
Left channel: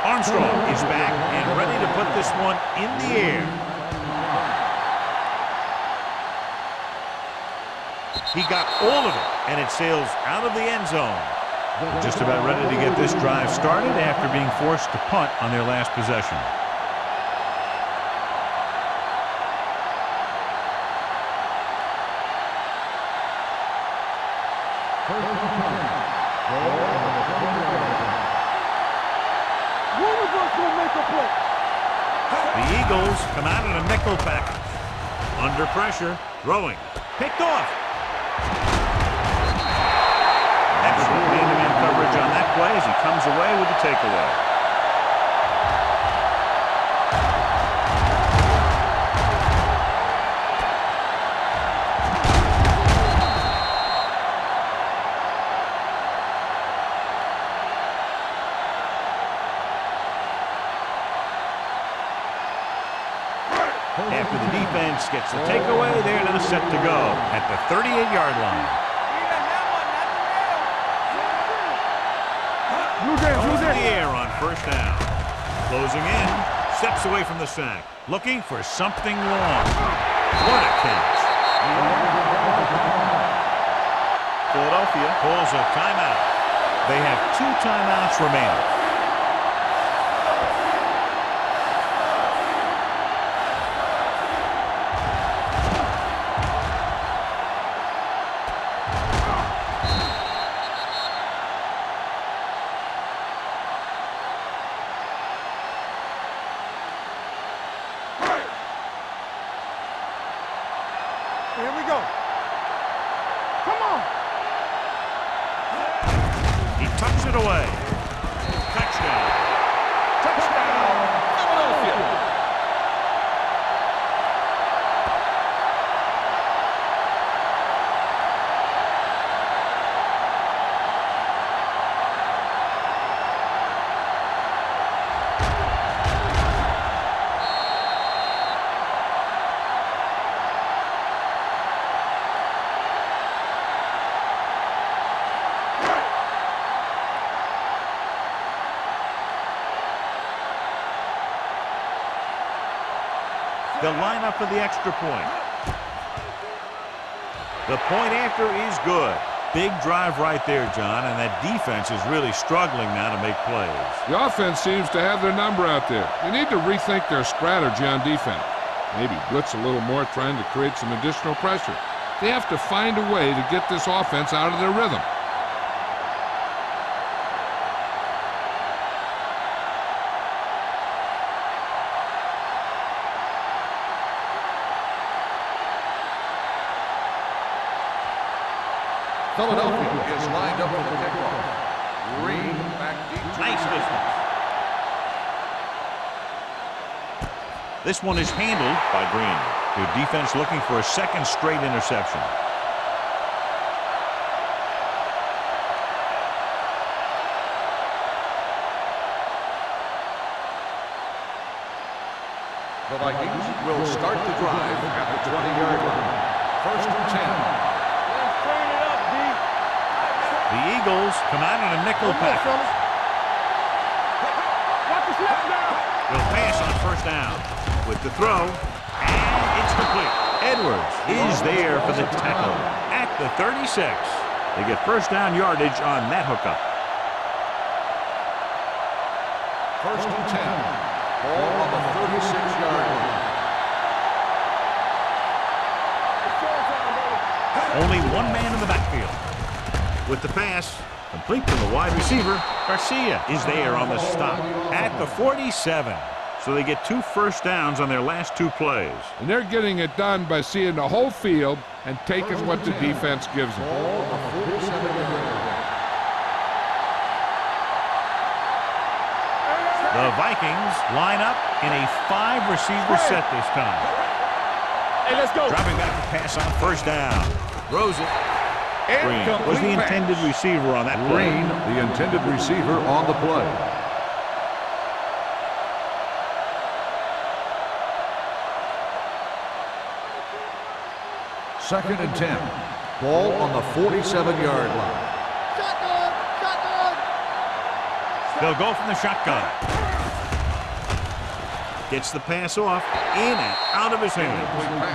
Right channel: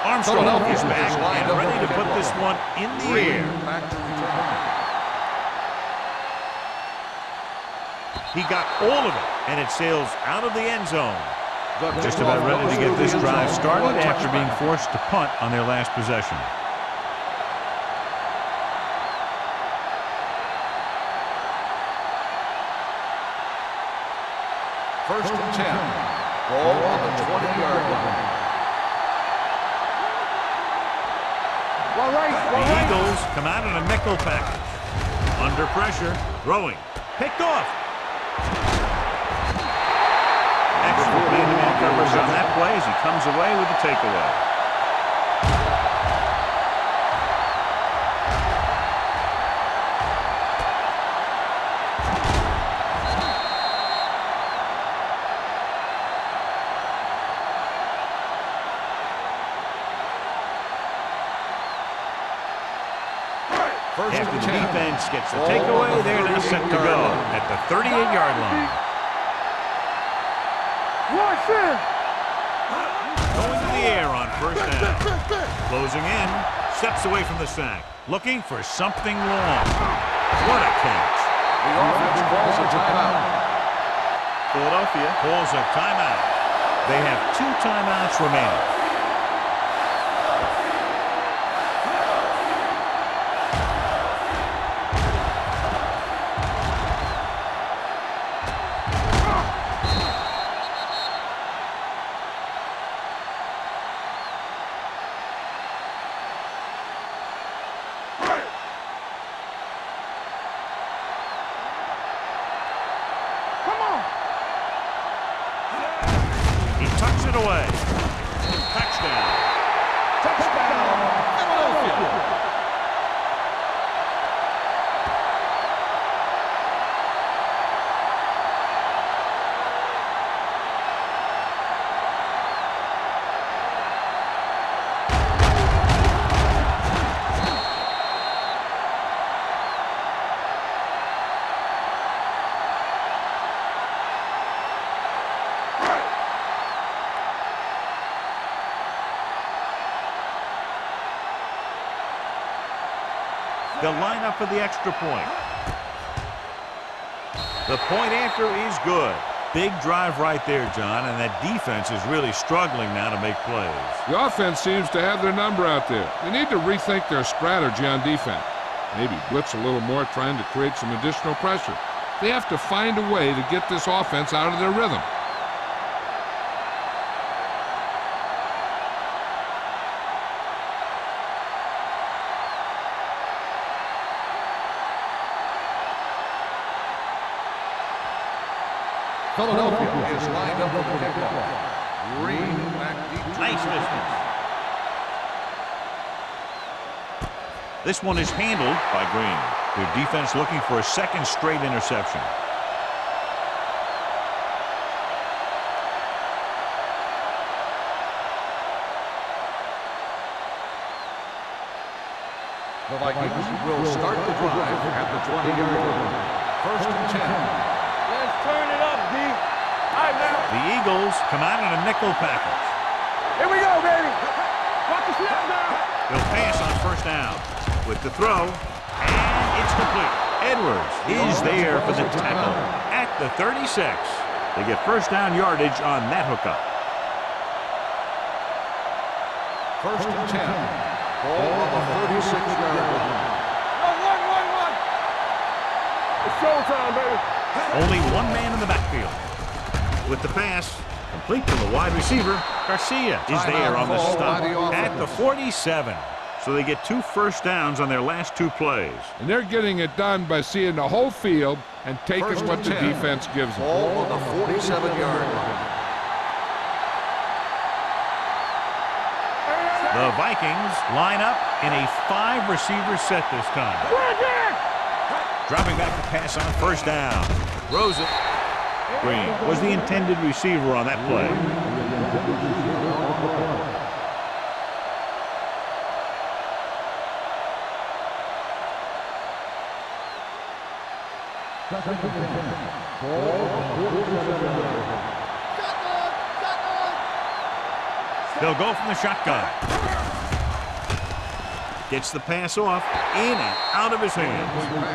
Armstrong is back and ready to put this one in the air. He got all of it, and it sails out of the end zone. Just about ready to get this drive started after being forced to punt on their last possession. First and 10. Ball on the 20-yard line. The Eagles come out in a nickel package. Under pressure, throwing. Picked off. Excellent man-to-man coverage on that play as he comes away with the takeaway. After the defense gets the takeaway, they're now set to go at the 38-yard line. Going to the air on 1st down. Closing in, steps away from the sack, looking for something long. What a catch. The offense calls a timeout. Philadelphia calls a timeout. They have 2 timeouts remaining. Here we go. Come on. He tucks it away. Touchdown. Touchdown, Philadelphia. They'll line up for the extra point. The point after is good. Big drive right there, John, and that defense is really struggling now to make plays. The offense seems to have their number out there. They need to rethink their strategy on defense. Maybe blitz a little more, trying to create some additional pressure. They have to find a way to get this offense out of their rhythm. Philadelphia is lined up for the kickoff. Green back deep to Nice distance. This one is handled by Green. Their defense looking for a second straight interception. The Vikings will start the drive at the 20-yard line. 1st and 10. Let's turn it up, D. All right, man. The Eagles come out in a nickel package. Here we go, baby. Watch the snap down. They'll pass on 1st down with the throw, and it's complete. Edwards is there for the tackle at the 36. They get 1st down yardage on that hookup. 1st and 10. Ball on the 36-yard line. It's showtime, baby. Only one man in the backfield. With the pass, complete to the wide receiver, Garcia is there on the stop at the 47. So they get 2 1st downs on their last 2 plays. And they're getting it done by seeing the whole field and taking what the defense gives them. Ball on the 47-yard line. The Vikings line up in a 5-receiver set this time. Hey, let's go. Dropping back to pass on 1st down. Throws it. Green was the intended receiver on that play. Green, the intended receiver on the play. Second and 10. Ball on the 47-yard line. Shotgun. Shotgun. They'll go from the shotgun. Gets the pass off, in and out of his hands.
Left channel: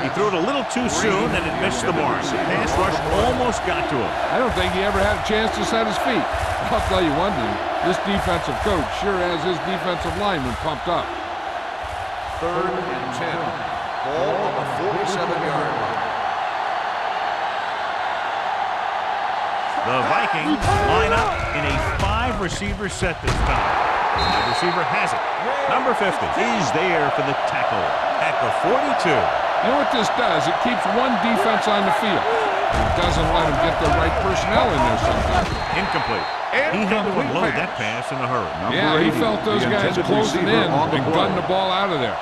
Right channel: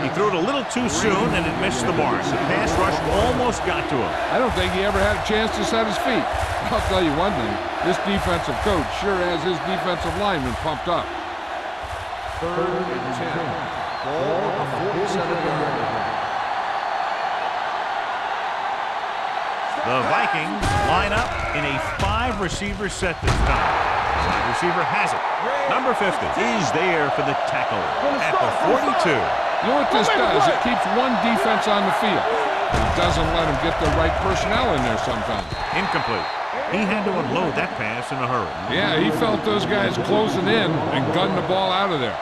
He threw it a little too soon, and it missed the mark. The pass rush almost got to him. I don't think he ever had a chance to set his feet. I'll tell you one thing, this defensive coach sure has his defensive lineman pumped up. 3rd and 10. Ball on the 47-yard line. The Vikings line up in a 5-receiver set this time. The wide receiver has it. Number 50 is there for the tackle at the 42. You know what this does? It keeps one defense on the field, but it doesn't let them get the right personnel in there sometimes. Incomplete. He had to unload that pass in a hurry. Yeah, he felt those guys closing in and gunned the ball out of there.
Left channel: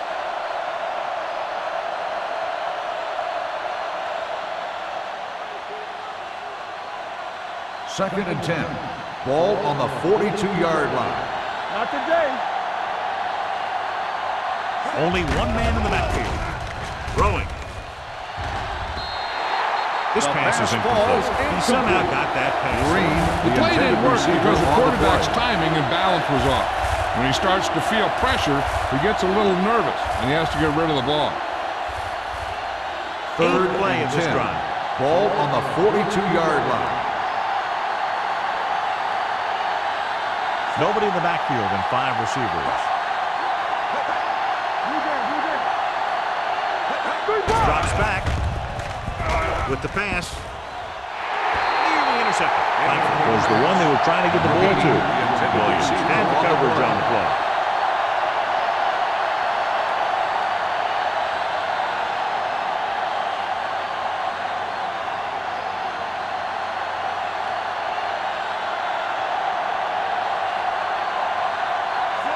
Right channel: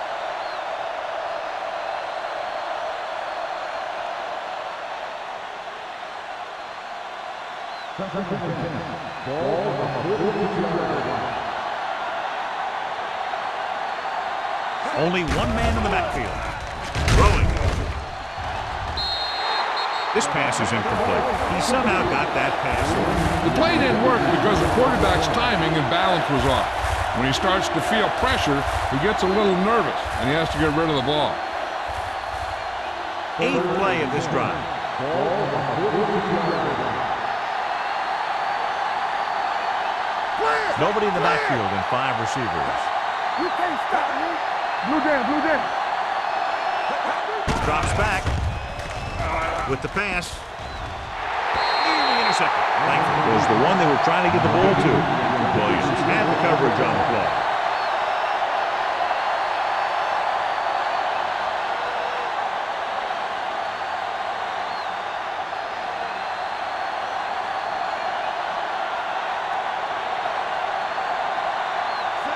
Second and 10. Ball on the 42-yard line. Not today. Only one man in the backfield. Throwing. This pass is incomplete. He somehow got that pass. The play didn't work because the quarterback's timing and balance was off. When he starts to feel pressure, he gets a little nervous, and he has to get rid of the ball. 8th play of this drive. Ball on the 42-yard line. Nobody in the backfield and 5 receivers. Blue jam, blue jam. Drops back with the pass. Nearly intercepted. Langford was the one they were trying to get the ball to. Williams had the coverage on the play.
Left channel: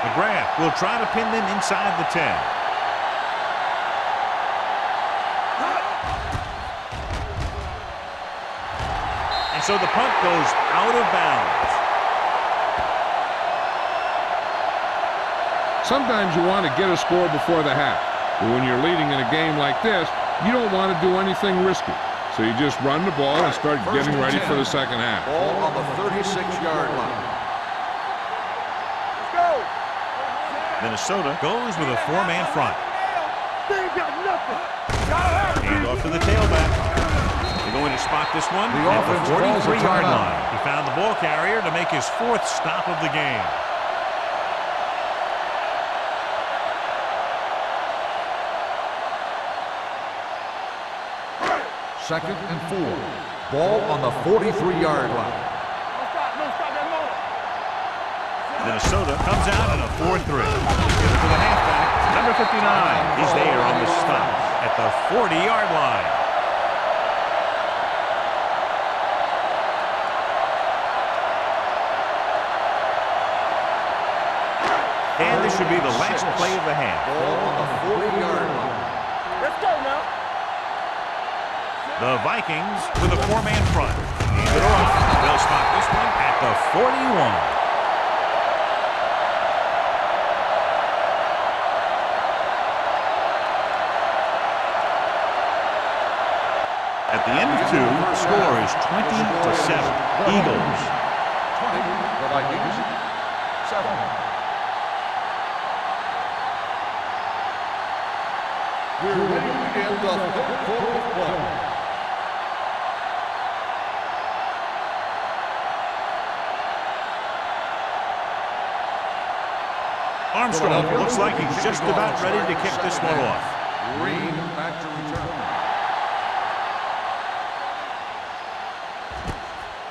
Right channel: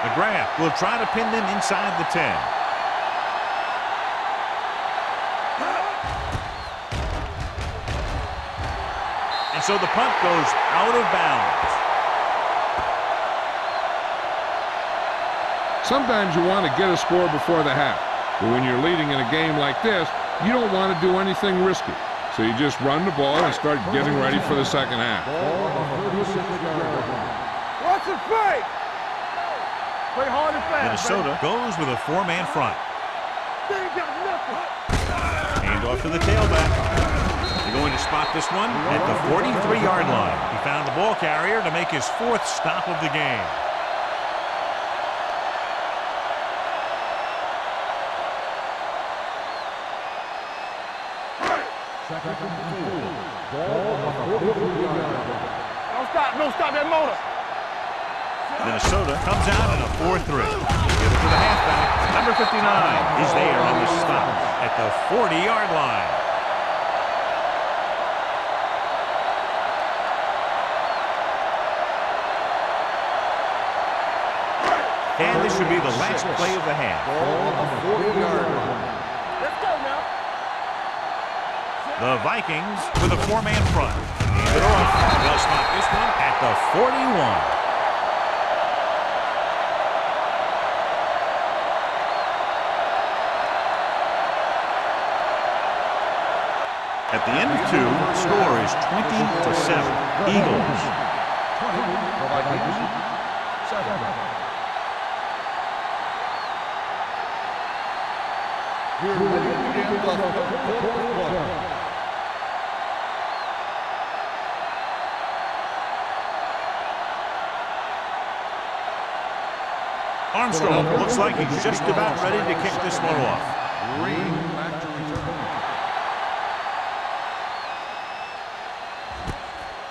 McGrath will try to pin them inside the 10. And so the punt goes out of bounds. Sometimes you want to get a score before the half, but when you're leading in a game like this, you don't want to do anything risky. So you just run the ball and start getting ready for the second half. Ball on the 36-yard line. What's the play? Minnesota goes with a 4-man front. They ain't got nothing. Hand off to the tailback. They're going to spot this one at the 43-yard line. He found the ball carrier to make his 4th stop of the game. Second and 4. Ball on the 43-yard line. Don't stop that motor. Minnesota comes out in a 4-3. Give it to the halfback. Number 59 is there on the stop at the 40-yard line. And this should be the last play of the half. Ball on the 40-yard line. Let's go now. The Vikings with a 4-man front. Hand it off. They'll spot this one at the 41. At the end of 2, score is 20-7. Eagles. 20, the Vikings, 7. We're ready to begin the third quarter of play. Armstrong looks like he's just about ready to kick this one off. Green back to return.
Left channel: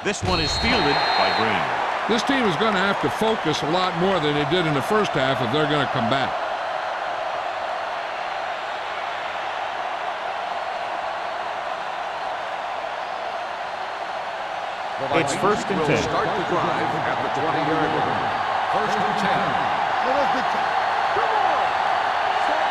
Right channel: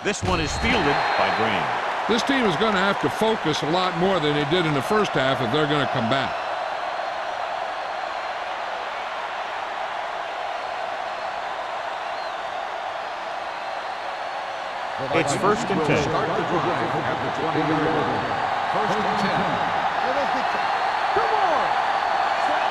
This one is fielded by Green. This team is going to have to focus a lot more than they did in the first half if they're going to come back. It's first and 10. We'll start the drive at the 20-yard line. First and 10. Yeah, that's big time. Come on. Set.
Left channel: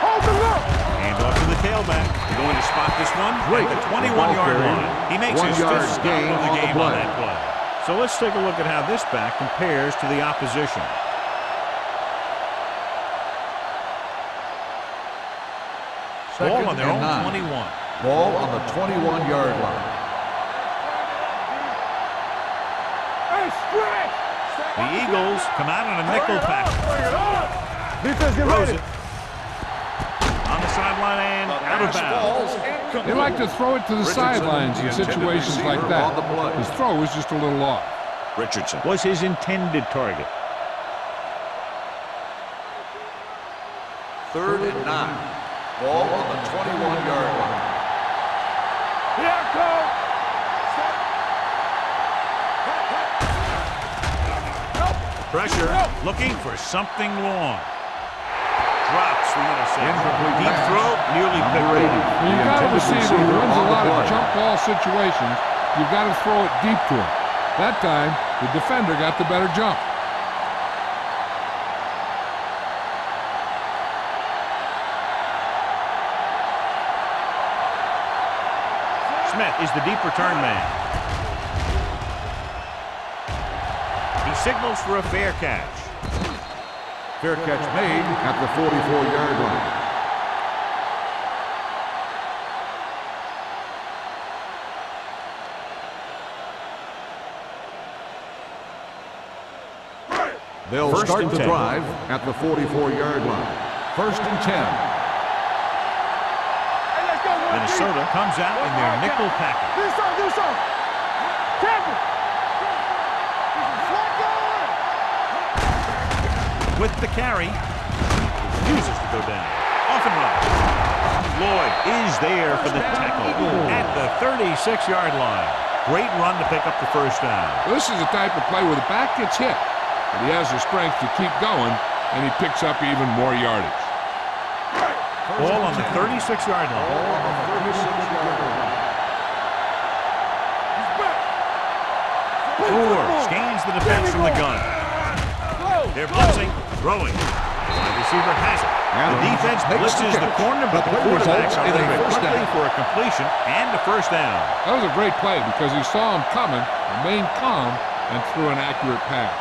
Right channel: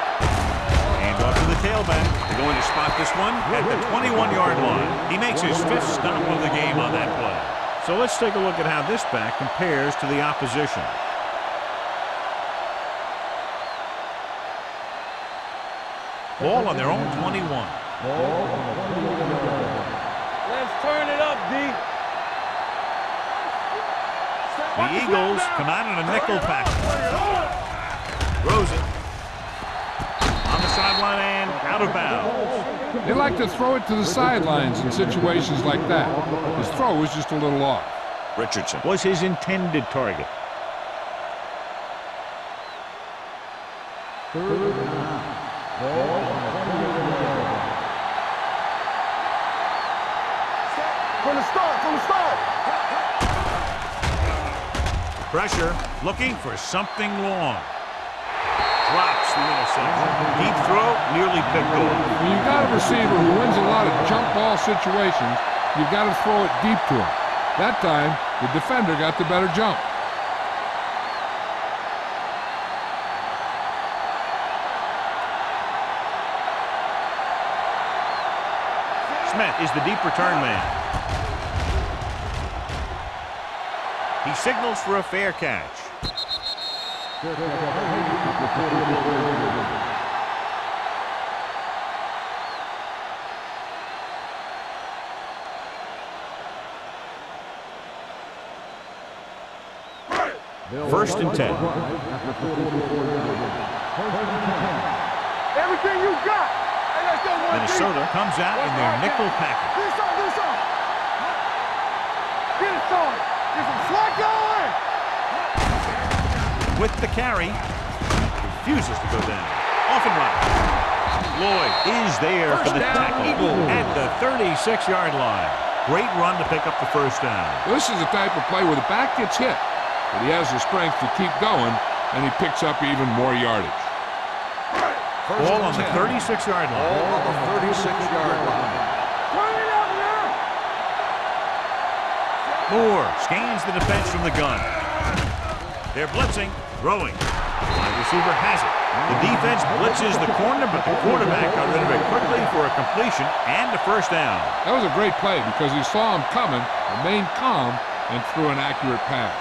Hold the look. Hand off to the tailback. They're going to spot this one at the 21-yard line. He makes his 5th stop of the game on that play. So let's take a look at how this back compares to the opposition. Ball on their own 21. Ball on the 21-yard line. Let's turn it up, D. Hey, stretch. The Eagles come out in a nickel package. Throws it. On the sideline and out of bounds. They like to throw it to the sidelines in situations like that. His throw was just a little off. Richardson was his intended target. 3rd and 9. Ball on the 21-yard line. Here I come. Set from the start. Pressure, looking for something long. Drops the interception. Deep throw, nearly picked off. When you've got a receiver who wins a lot of jump ball situations, you've got to throw it deep to him. That time, the defender got the better jump. Smith is the deep return man. He signals for a fair catch. Fair catch made at the 44-yard line. They'll First start and the 10. drive at the 44-yard line. First and 10. Everything you got. Hey, let's go, one Minnesota comes out in their nickel package. Do something. Captain, get it started. Get some slack going. With the carry, refuses to go down. Off and running. Lloyd is there for the tackle at the 36-yard line. Great run to pick up the first down. This is the type of play where the back gets hit, but he has the strength to keep going, and he picks up even more yardage. Ball on the 36-yard line. Ball on the 36-yard line. Moore scans the defense from the gun. They're blitzing, throwing. The wide receiver has it. The defense blitzes the corner, but the quarterback's out there quickly for a completion and a first down. That was a great play because he saw him coming, remained calm, and threw an accurate pass.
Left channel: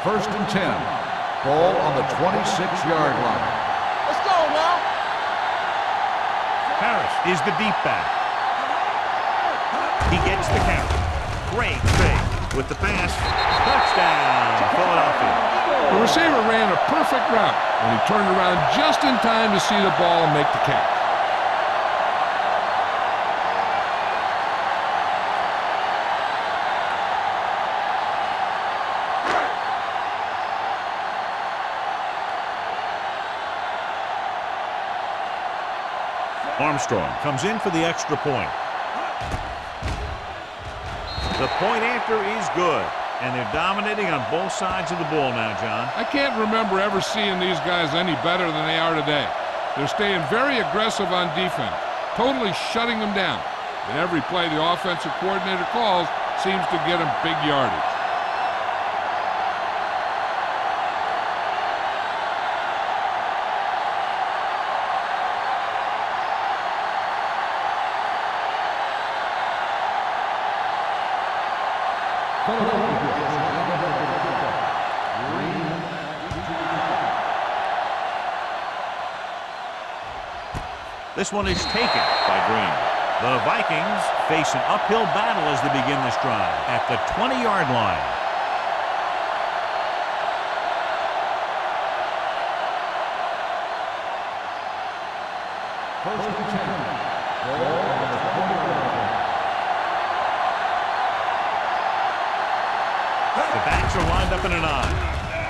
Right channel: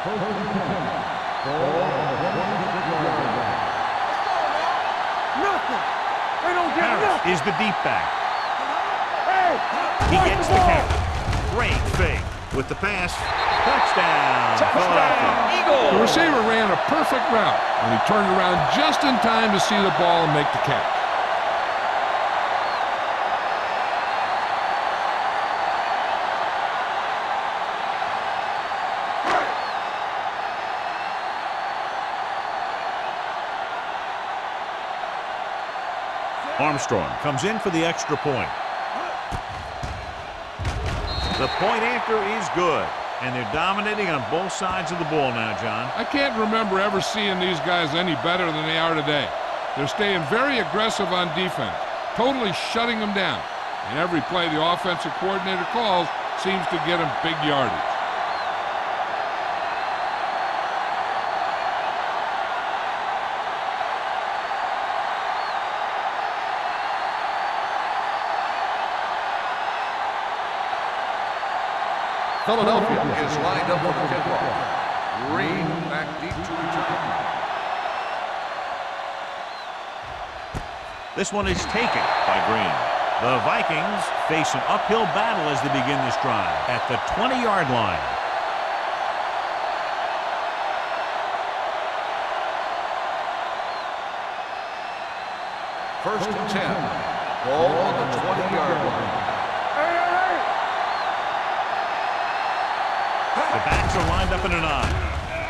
First and 10. Ball on the 26-yard line. Let's go now. Nothing. They don't get Harris it. is the deep back. Hey. He gets the carry. Great fake with the pass. Touchdown, Philadelphia. The receiver ran a perfect route, and he turned around just in time to see the ball and make the catch. Armstrong comes in for the extra point. The point after is good, and they're dominating on both sides of the ball now, John. I can't remember ever seeing these guys any better than they are today. They're staying very aggressive on defense, totally shutting them down. And every play the offensive coordinator calls seems to get them big yardage. Philadelphia is lined up for the kickoff. Green back deep to return. This one is taken by Green. The Vikings face an uphill battle as they begin this drive at the 20-yard line. First and 10. Ball on the 20-yard line. The backs are lined up in an I.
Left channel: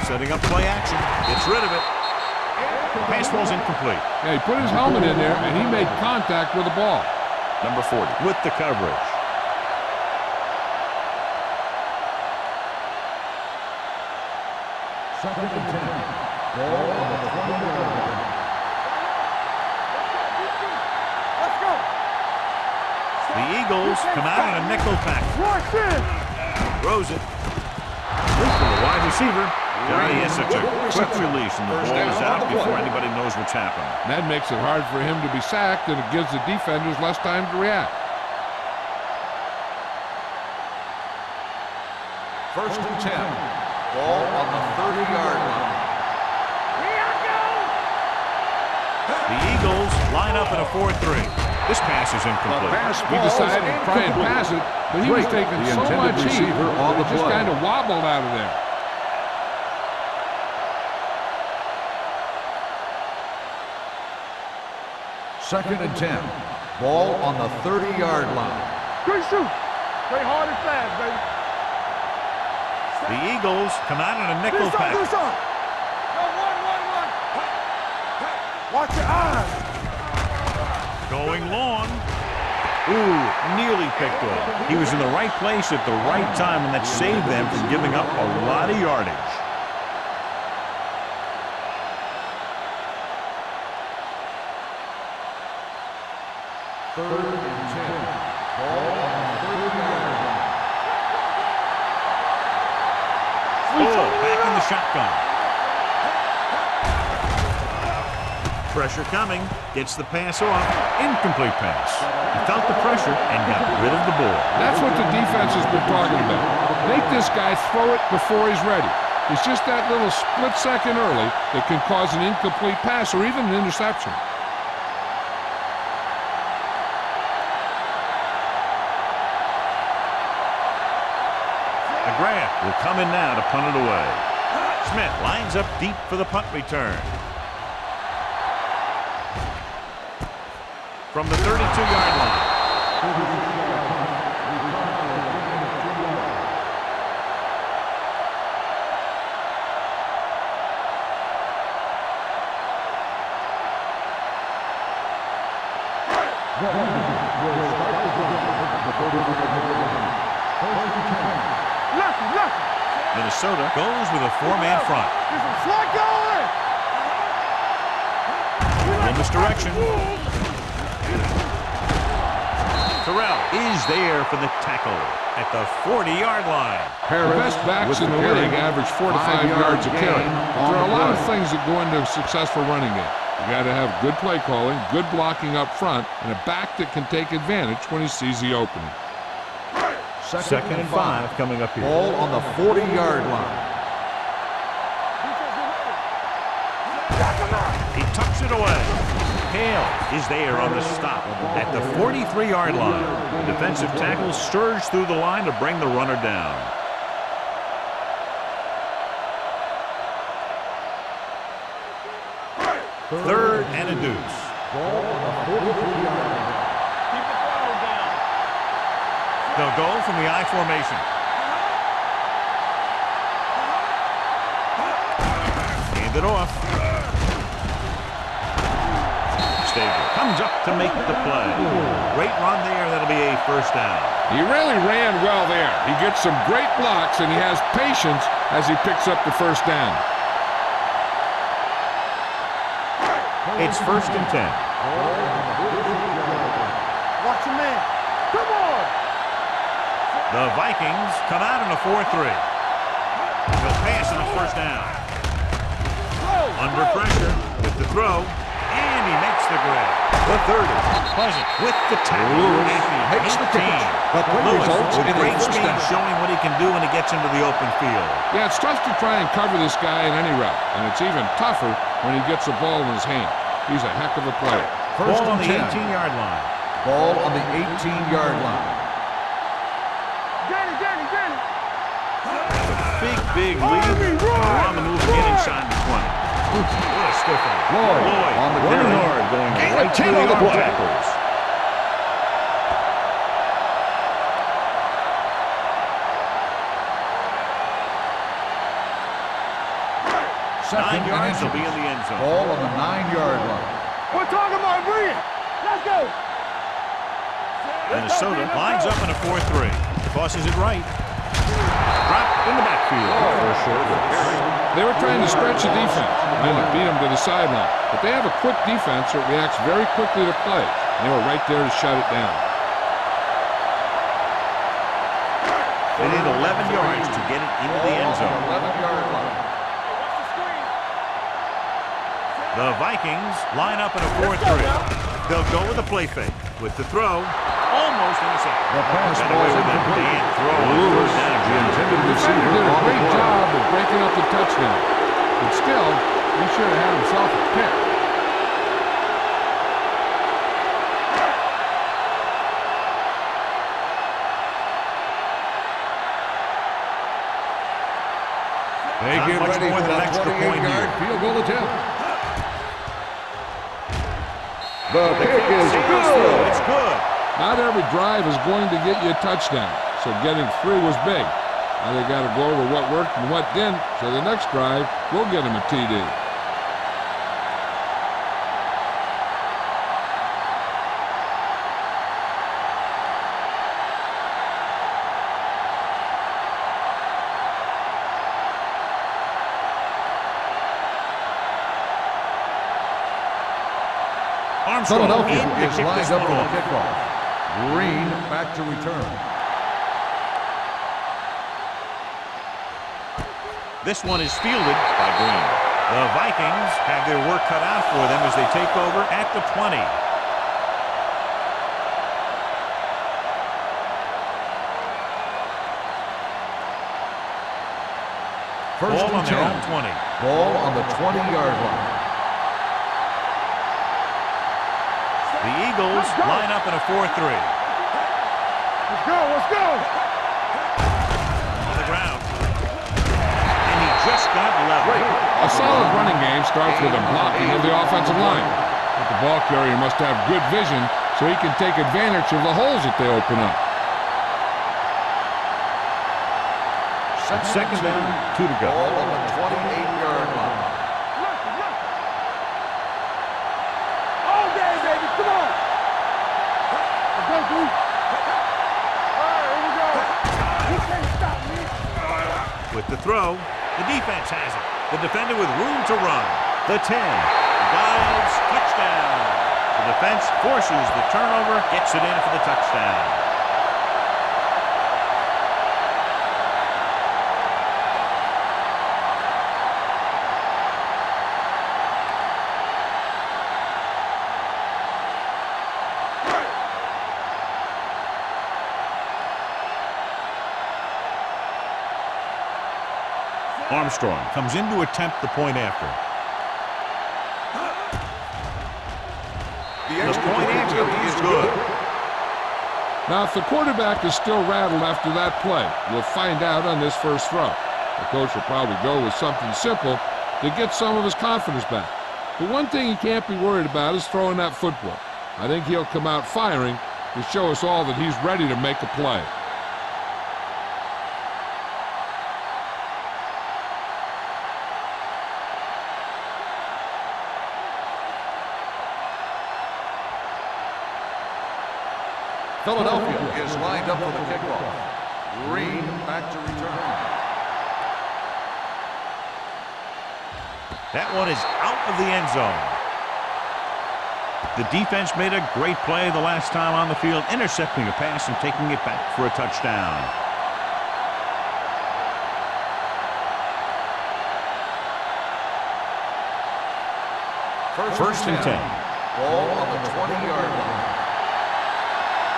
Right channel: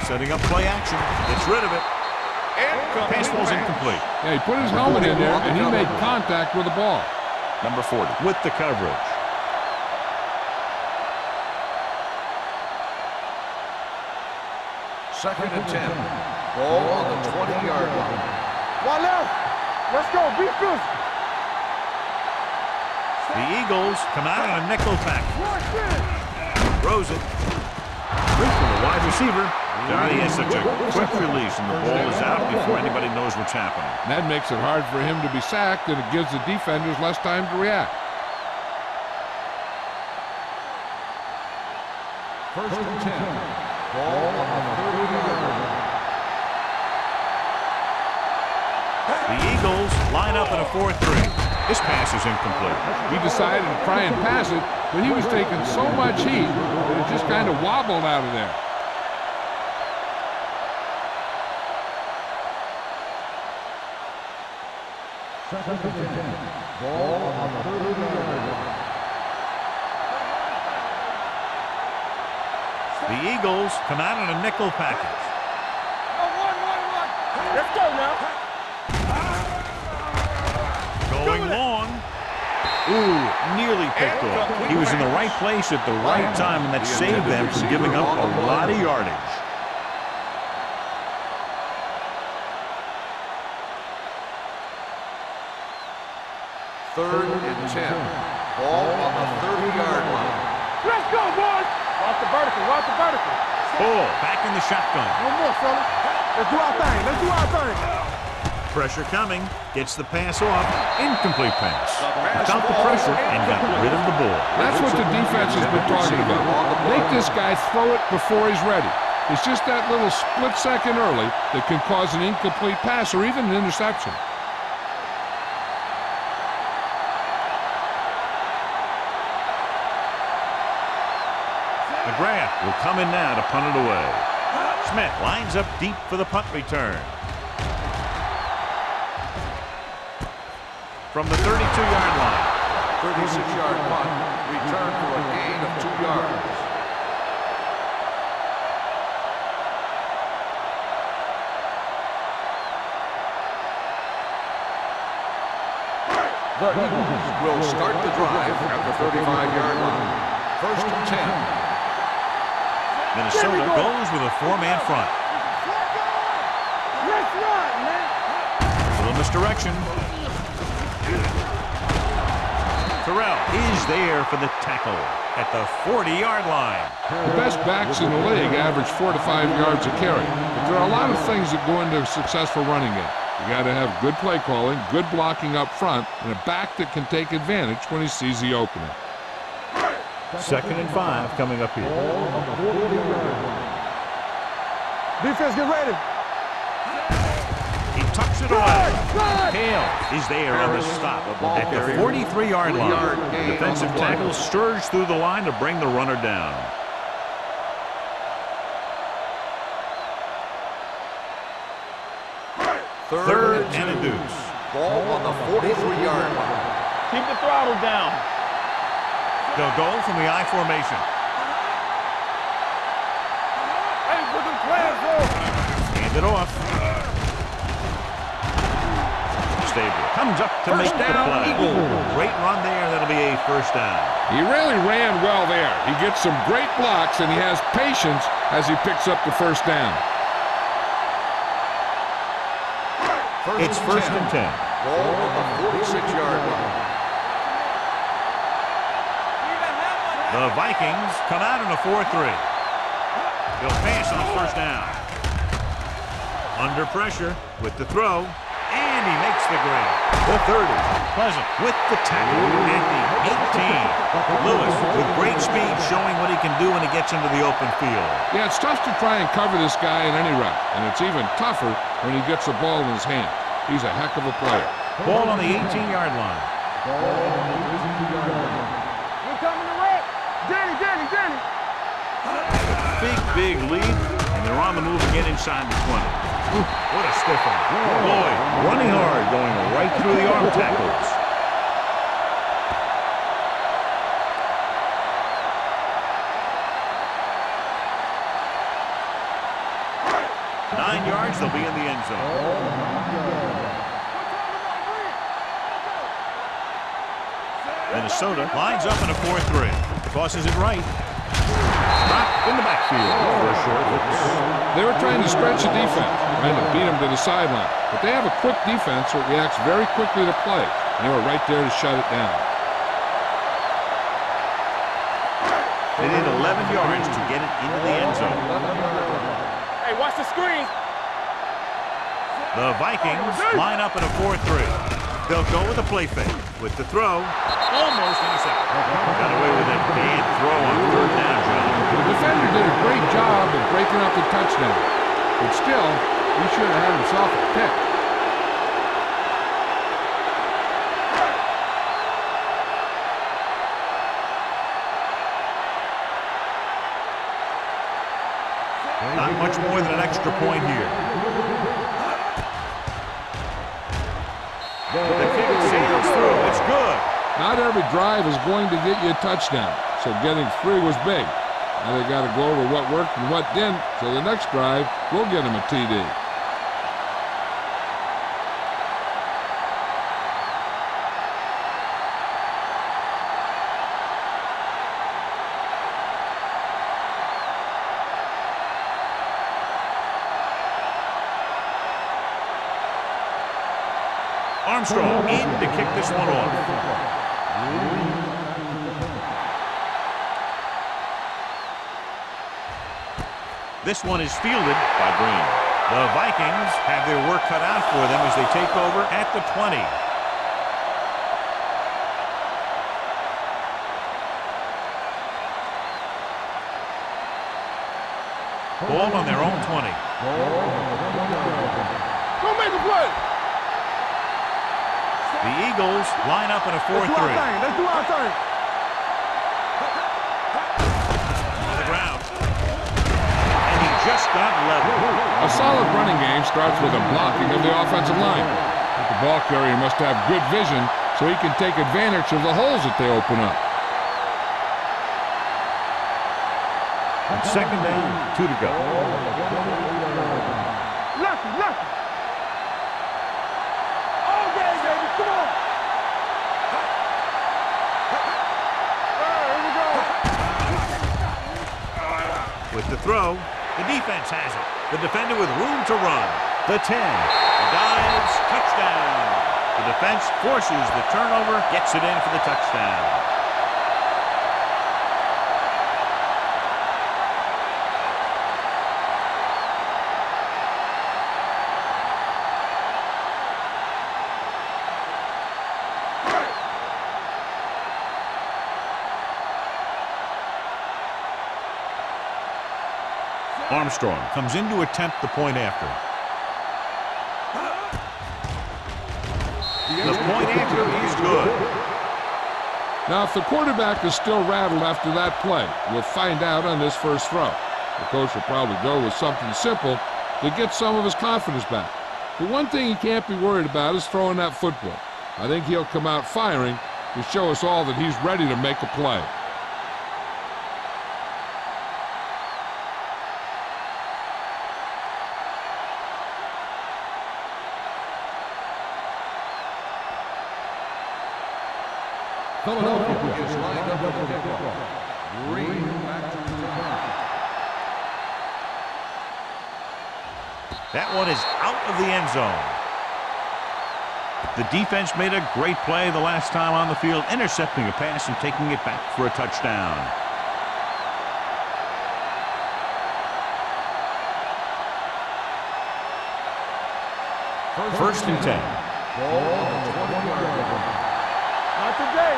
Setting up play action. Gets rid of it. Pass ball's incomplete. Yeah, he put his helmet in there, and he made contact with the ball. Number 40 with the coverage. Second and 10. Ball on the 20-yard line. One left. Let's go. Be physical. Let's go. The Eagles come out on a nickel pack. Watch this. Throws it. Quick for the wide receiver. Johnny has such a quick release, and the ball is out before anybody knows what's happening. And that makes it hard for him to be sacked, and it gives the defenders less time to react. First and 10. Ball on the 30-yard line. The Eagles line up in a 4-3. This pass is incomplete. He decided to try and pass it, but he was taking so much heat that it just kind of wobbled out of there. Second and 10. Ball on the 30-yard line. Good shoot. Play hard and fast, baby. The Eagles come out in a nickel package. Yo, one. Let's go now. Watch it. Going long. Ooh, nearly picked off. He was in the right place at the right time, and that saved them from giving up a lot of yardage. Third and 10. Ball on the 30-yard line. Let's go, boys. Watch the vertical. Oh, back in the shotgun. One more, fella. Let's do our thing. Let's do our thing. Pressure coming. Gets the pass off. Incomplete pass. He felt the pressure and got rid of the ball. That's what the defense has been talking about. Make this guy throw it before he's ready. It's just that little split second early that can cause an incomplete pass or even an interception. McGrath will come in now to punt it away. Smith lines up deep for the punt return. From the 32-yard line. 36-yard punt. Return for a gain of 2 yards. The Eagles will start the drive at the 35-yard line. First and 10. Minnesota goes with a 4-man front. A little misdirection. Terrell is there for the tackle at the 40-yard line. The best backs in the league average 4 to 5 yards a carry. But there are a lot of things that go into a successful running game. You got to have good play calling, good blocking up front, and a back that can take advantage when he sees the opening. Second and 5 coming up here. Ball on the 40-yard line. Defense, get ready. He tucks it away. Hale is there on the stop at the 43-yard line. The defensive tackle surged through the line to bring the runner down. Third and a deuce. Ball on the 43-yard line. Keep the throttle down. They'll go from the I formation. Hand it off. Stabler comes up to make the play. Great run there. That'll be a first down. He really ran well there. He gets some great blocks, and he has patience as he picks up the first down. It's first and 10. Ball on the 46-yard line. Watch your man. Come on. The Vikings come out in a 4-3. They'll pass on the first down. Under pressure with the throw, and he makes the grab. The 30. Pleasant with the tackle at the 18. Lewis with great speed, showing what he can do when he gets into the open field. Yeah, it's tough to try and cover this guy in any route, and it's even tougher when he gets the ball in his hand. He's a heck of a player. Ball on the 18-yard line. Ball on the 18-yard line. Danny. Big lead, and they're on the move again inside the 20. What a stiff one. Lloyd running hard, going right through the arm tackles. Nine yards, they'll be in the end zone. Ball on the 9-yard line. We're talking about bringing. Let's go. Minnesota lines up in a 4-3. Tosses it right. Drop in the backfield for a short loss. They were trying to stretch the defense, trying to beat him to the sideline. But they have a quick defense that reacts very quickly to play. And they were right there to shut it down. They need 11 yards to get it into the end zone. 11-yard line. Hey, watch the screens. The Vikings line up in a 4-3. They'll go with a play fake. With the throw, almost intercepted. Got away with that bad throw on third down, John. The defender did a great job of breaking up the touchdown. But still, he should have had himself a pick. Not much more than an extra point here. Field goal attempt. The kick sails through. It's good. Not every drive is going to get you a touchdown, so getting 3 was big. Now they got to go over what worked and what didn't, so the next drive will get him a TD. Armstrong in to kick this one off. Green back to return. This one is fielded by Green. The Vikings have their work cut out for them as they take over at the 20. Ball on their own 20. Ball on the 20-yard line. Don't make a play. The Eagles line up in a 4-3. Let's do it. Let's go. On the ground. And he just got level. A solid running game starts with a blocking of the offensive line. But the ball carrier must have good vision so he can take advantage of the holes that they open up. Second down, 2 to go. Ball on the 28-yard line. Lucky. All day, baby. Come on. Let's go, dude. All right, here we go. You can't stop me. With the throw, the defense has it. The defender with room to run. The 10. He dives, touchdown. The defense forces the turnover, gets it in for the touchdown. Armstrong comes in to attempt the point after. The point after is good. Now, if the quarterback is still rattled after that play, we'll find out on this first throw. The coach will probably go with something simple to get some of his confidence back. But one thing he can't be worried about is throwing that football. I think he'll come out firing to show us all that he's ready to make a play. Philadelphia is lined up for the kickoff. Green back to return. That one is out of the end zone. The defense made a great play the last time on the field, intercepting a pass and taking it back for a touchdown. First and 10. Ball on the 20-yard line. Not today.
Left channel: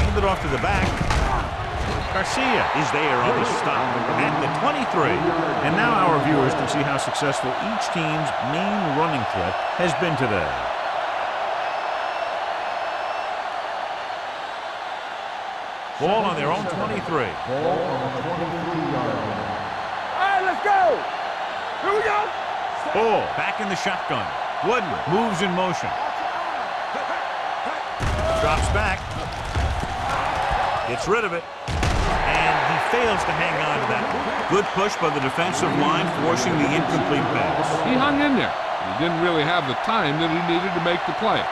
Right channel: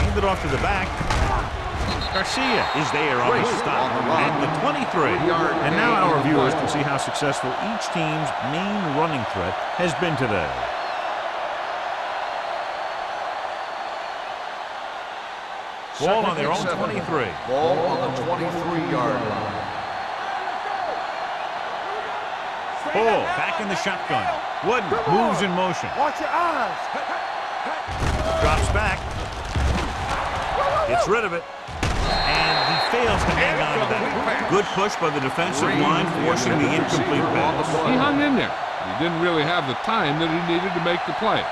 Hand it off to the back. Garcia is there on the stop at the 23. And now our viewers can see how successful each team's main running threat has been today. Ball on their own 23. Ball on the 23-yard line. All right, let's go. Here we go. Ball back in the shotgun. Wooden moves in motion. Watch your eyes. Drops back. Gets rid of it. And he fails to hang on to that one. Good push by the defensive line, forcing the incomplete pass. He hung in there, but he didn't really have the time that he needed to make the play.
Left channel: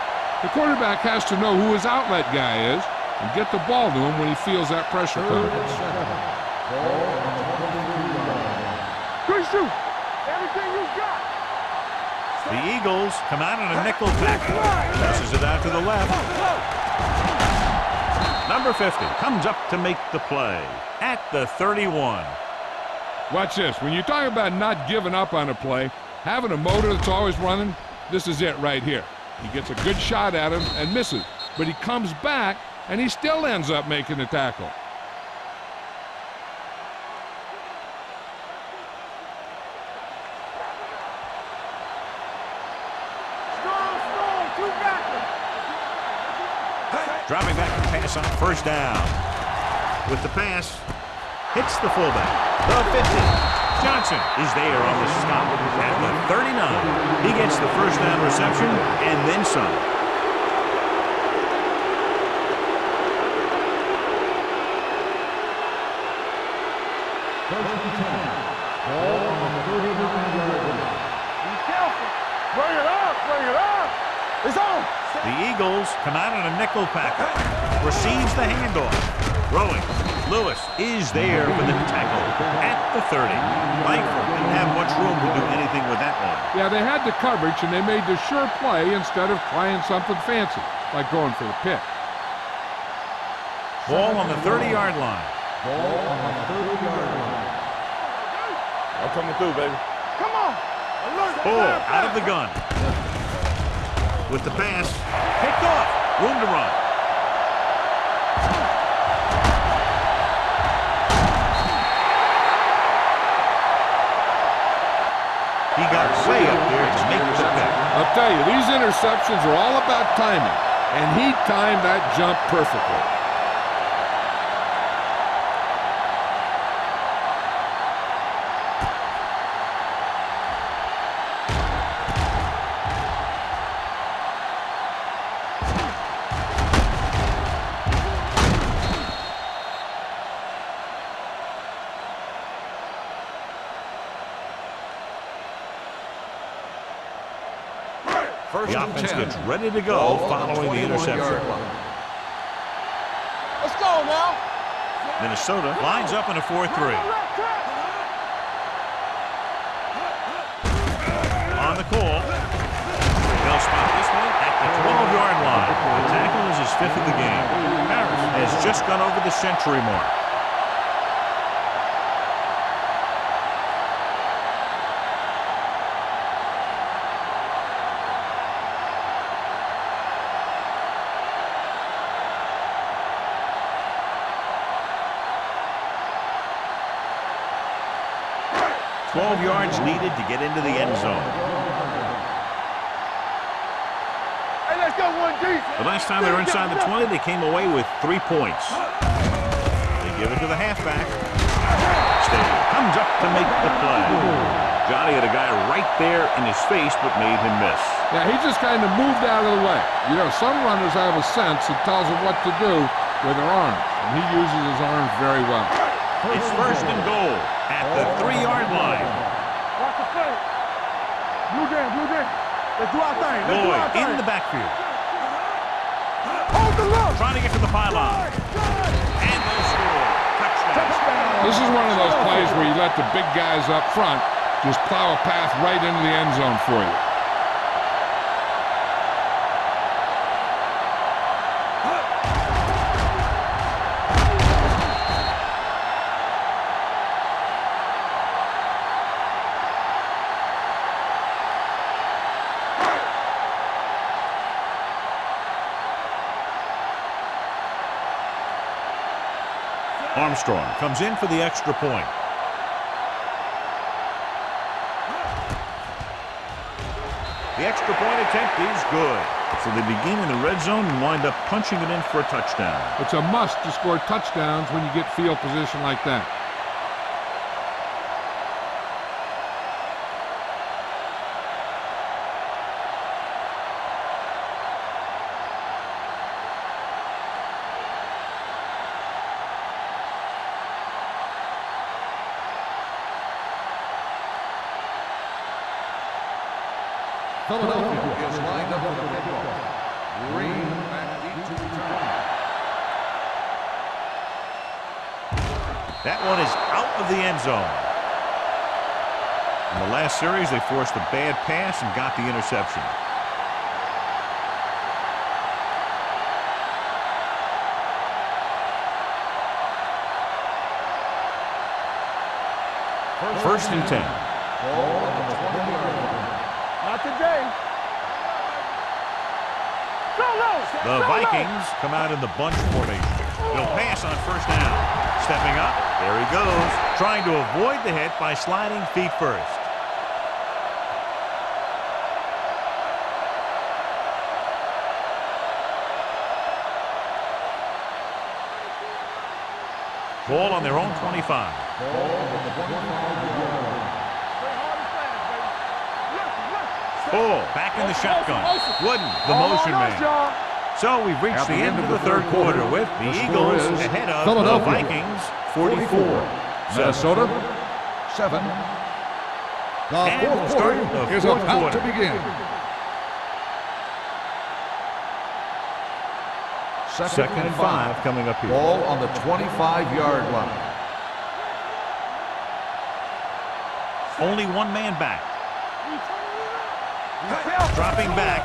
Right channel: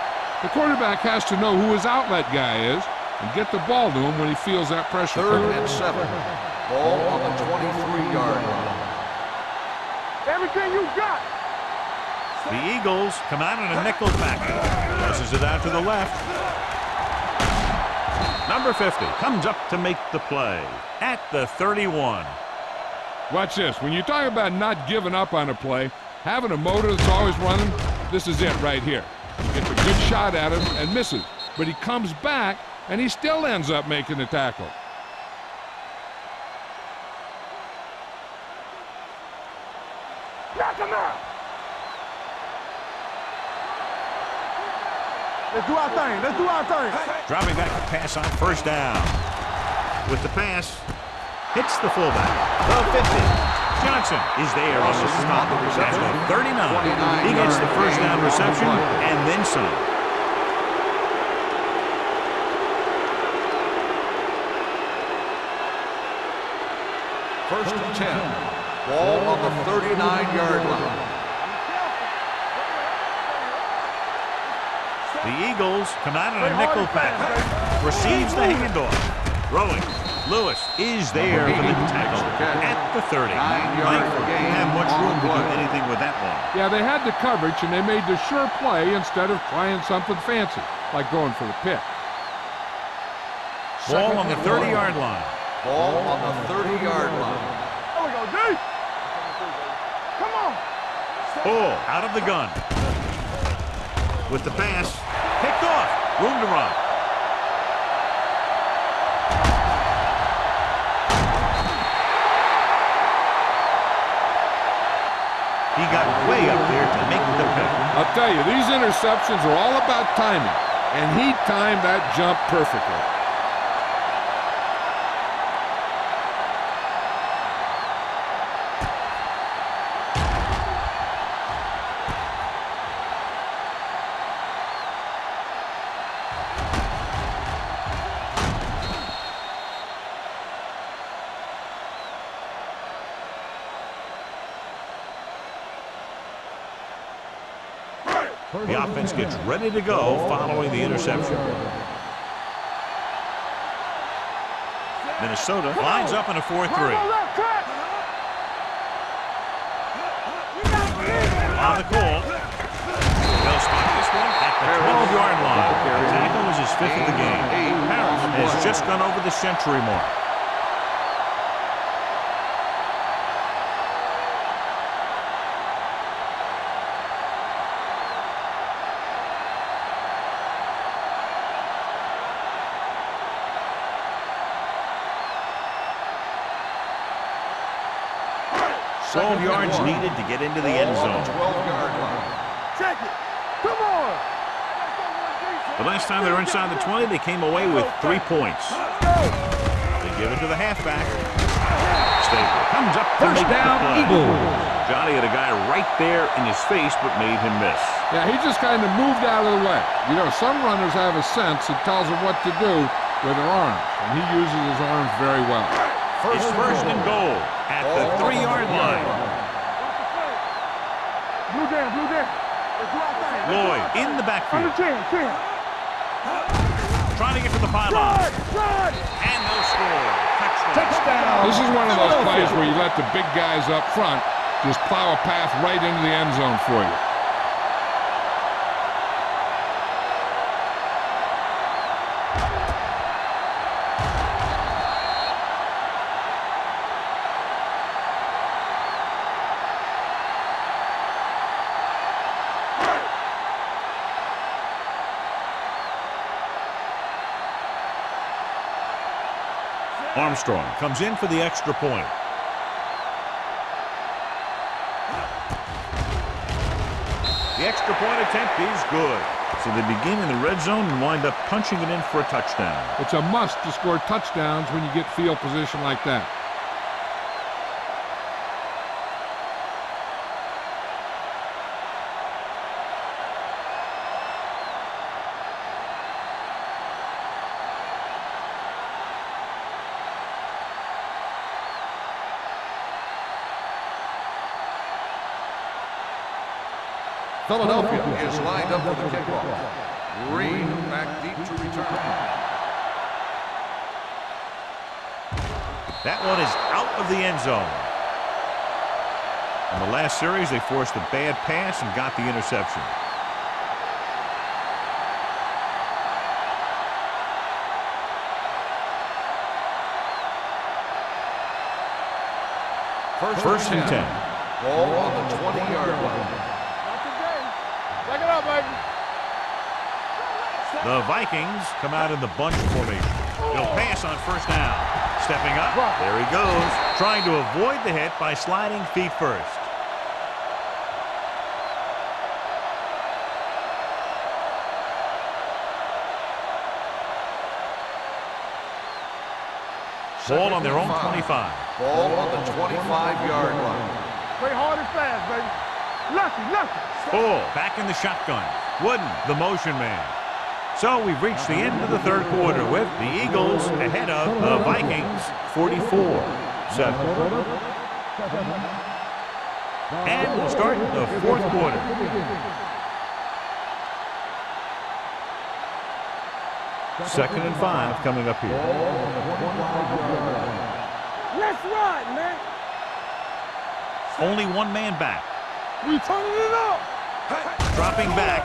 The quarterback has to know who his outlet guy is and get the ball to him when he feels that pressure Third coming. and 7. Ball on the 23-yard line. Good shoot. Everything you got. The Eagles come out in a nickel package. Tosses it out to the left. Number 50 comes up to make the play at the 31. Watch this. When you talk about not giving up on a play, having a motor that's always running, this is it right here. He gets a good shot at him and misses, but he comes back and he still ends up making the tackle. Let's do our thing. Let's do our thing. Dropping back to pass on first down. With the pass, hits the fullback. The 50. Johnson is there on the stop at the 39. He gets the first down reception and then some. First and 10. Ball on the 39-yard line. Be careful. Bring it up. Bring it up. It's on. The Eagles come out in a nickel package. Receives the handoff. Throwing. Lewis is there for the tackle at the 30. Langford didn't have much room to do anything with that one. Yeah, they had the coverage and they made the sure play instead of trying something fancy, like going for the pick. Ball on the 30-yard line. Ball on the 30-yard line. I'm coming through, baby. Come on. Bull out of the gun. With the pass, picked off. Room to run. He got way up there to make the pick. I'll tell you, these interceptions are all about timing, and he timed that jump perfectly. The offense gets ready to go following the interception. Let's go now. Minnesota lines up in a 4-3. On the call. They'll spot this one at the 12-yard line. The tackle is his 5th of the game. Harris has just gone over the century mark. $12 yards needed to get into the end zone. The last time they were inside the 20, they came away with 3 points. They give it to the halfback. Stabler comes up to make the play. Johnny had a guy right there in his face, but made him miss. Yeah, he just kind of moved out of the way. You know, some runners have a sense that tells them what to do with their arms, and he uses his arms very well. It's first and goal at the 3-yard line. Watch the play. Blue down, blue down. Let's do our thing. Let's do Lloyd our thing. in the backfield. On the chin. Trying to get to the pylon. Run. And they'll score. Touchdown. Touchdown. This is one of those Philadelphia. plays where you let the big guys up front just plow a path right into the end zone for you. Armstrong comes in for the extra point. The extra point attempt is good. So they begin in the red zone and wind up punching it in for a touchdown. It's a must to score touchdowns when you get field position like that. Philadelphia is lined up for the kickoff. Green back deep to return. That one is out of the end zone. In the last series, they forced a bad pass and got the interception. First and 10. Ball on the 20-yard line. Not today. Back it up, baby. Go low. The Vikings come out in the bunch formation. They'll pass on first down. Stepping up, there he goes, trying to avoid the hit by sliding feet first. Ball on their own 25. Ball on the 25-yard line. Play hard and fast, baby. Lucky. Bull back in the shotgun. Wooden, the motion man. So we've reached the end of the third quarter with the Eagles ahead of the Vikings 44-7. Minnesota 7. And we'll start the fourth quarter. Second and 5 coming up here. Ball on the 25-yard line. Let's ride, man. Only one man back. We turning it up. Dropping back.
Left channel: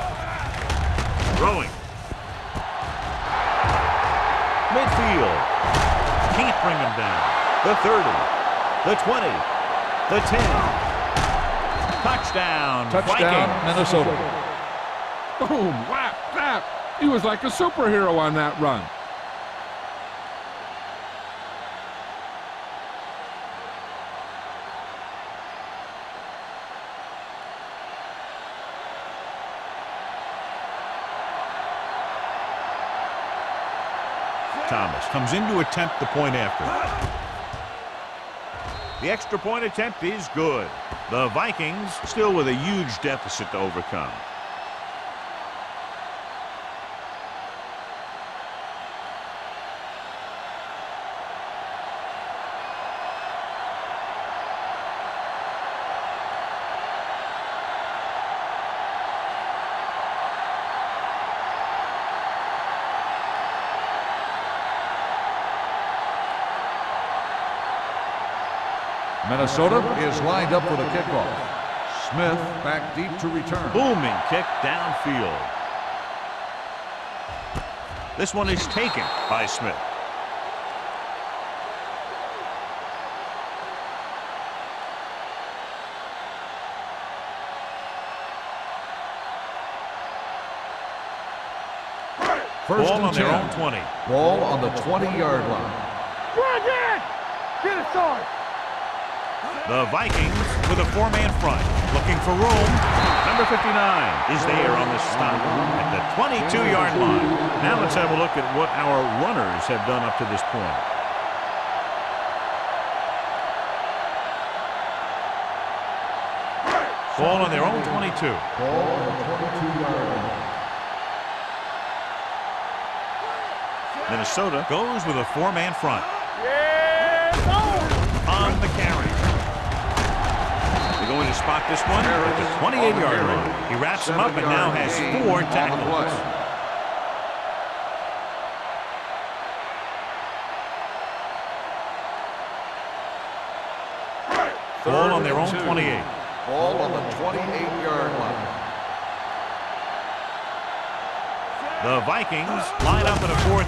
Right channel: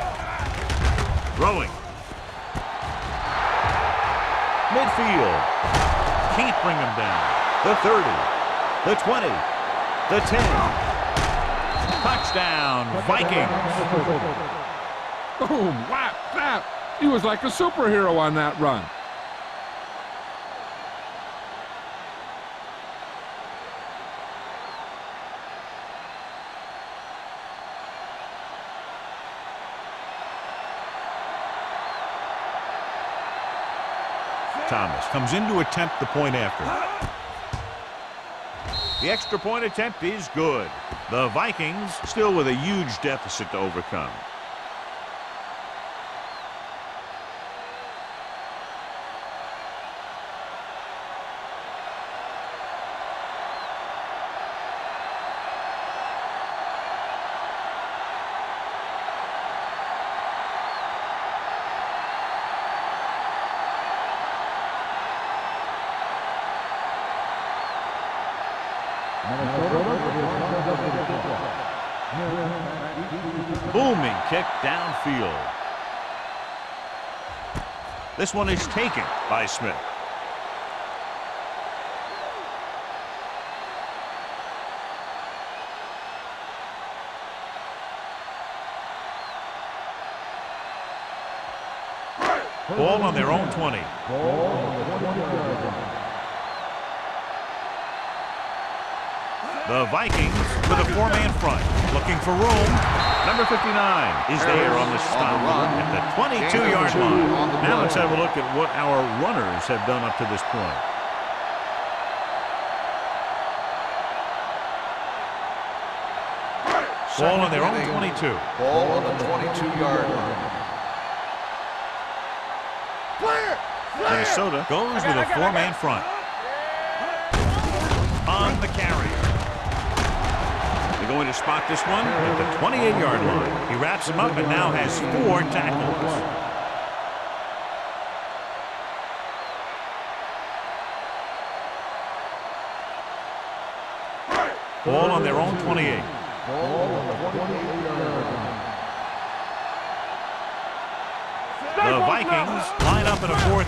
Throwing. Midfield. Can't bring him down. The 30. The 20. The 10. Touchdown, Vikings. Minnesota. Boom, whap, zap. He was like a superhero on that run. Thomas comes in to attempt the point after. The extra point attempt is good. The Vikings still with a huge deficit to overcome. Minnesota is lined up for the kickoff. Smith back deep to return. Booming kick downfield. This one is taken by Smith. Ball on their own 20. Ball on the 20-yard line. Get it started. The Vikings with a four-man front, looking for room. Number 59 is there on the stop at the 22-yard line. Now let's have a look at what our runners have done up to this point. Ball on their own 22. Ball on the 22-yard line. Minnesota goes with a four-man front. On the carry. The They're going to spot this one at the 28-yard line. He wraps him up and now has 4 tackles. Ball on their own 28. Ball on the 28-yard line. The Vikings line up in a 4-3.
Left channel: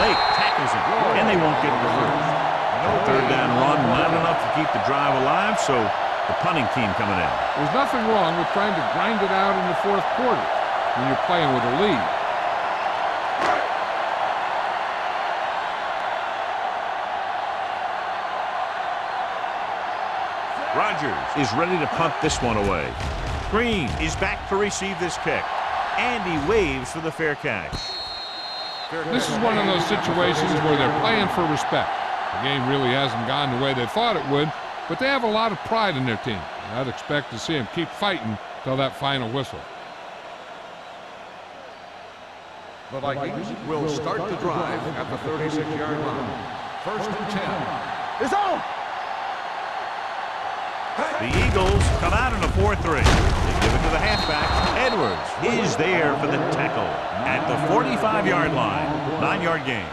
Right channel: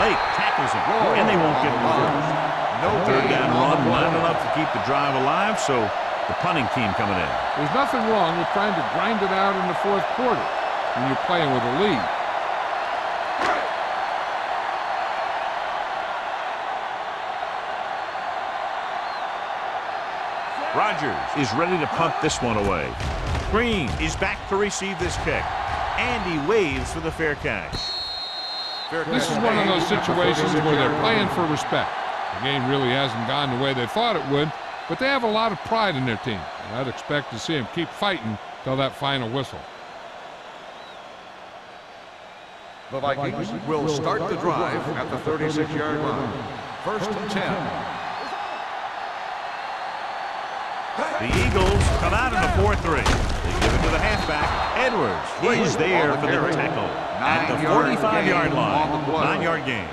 Lake tackles him, and they won't get the first. Third down run, not enough to keep the drive alive, so the punting team coming in. There's nothing wrong with trying to grind it out in the fourth quarter when you're playing with a lead. Rodgers is ready to punt this one away. Green is back to receive this kick, and he waves for the fair catch. This is one of those situations where they're playing for respect. The game really hasn't gone the way they thought it would, but they have a lot of pride in their team, and I'd expect to see them keep fighting till that final whistle. The Vikings will start the drive at the 36-yard line. First and 10. It's on. The Eagles come out in a 4-3. They give it to the halfback. Edwards is there for the tackle at the 45-yard line. 9-yard gain.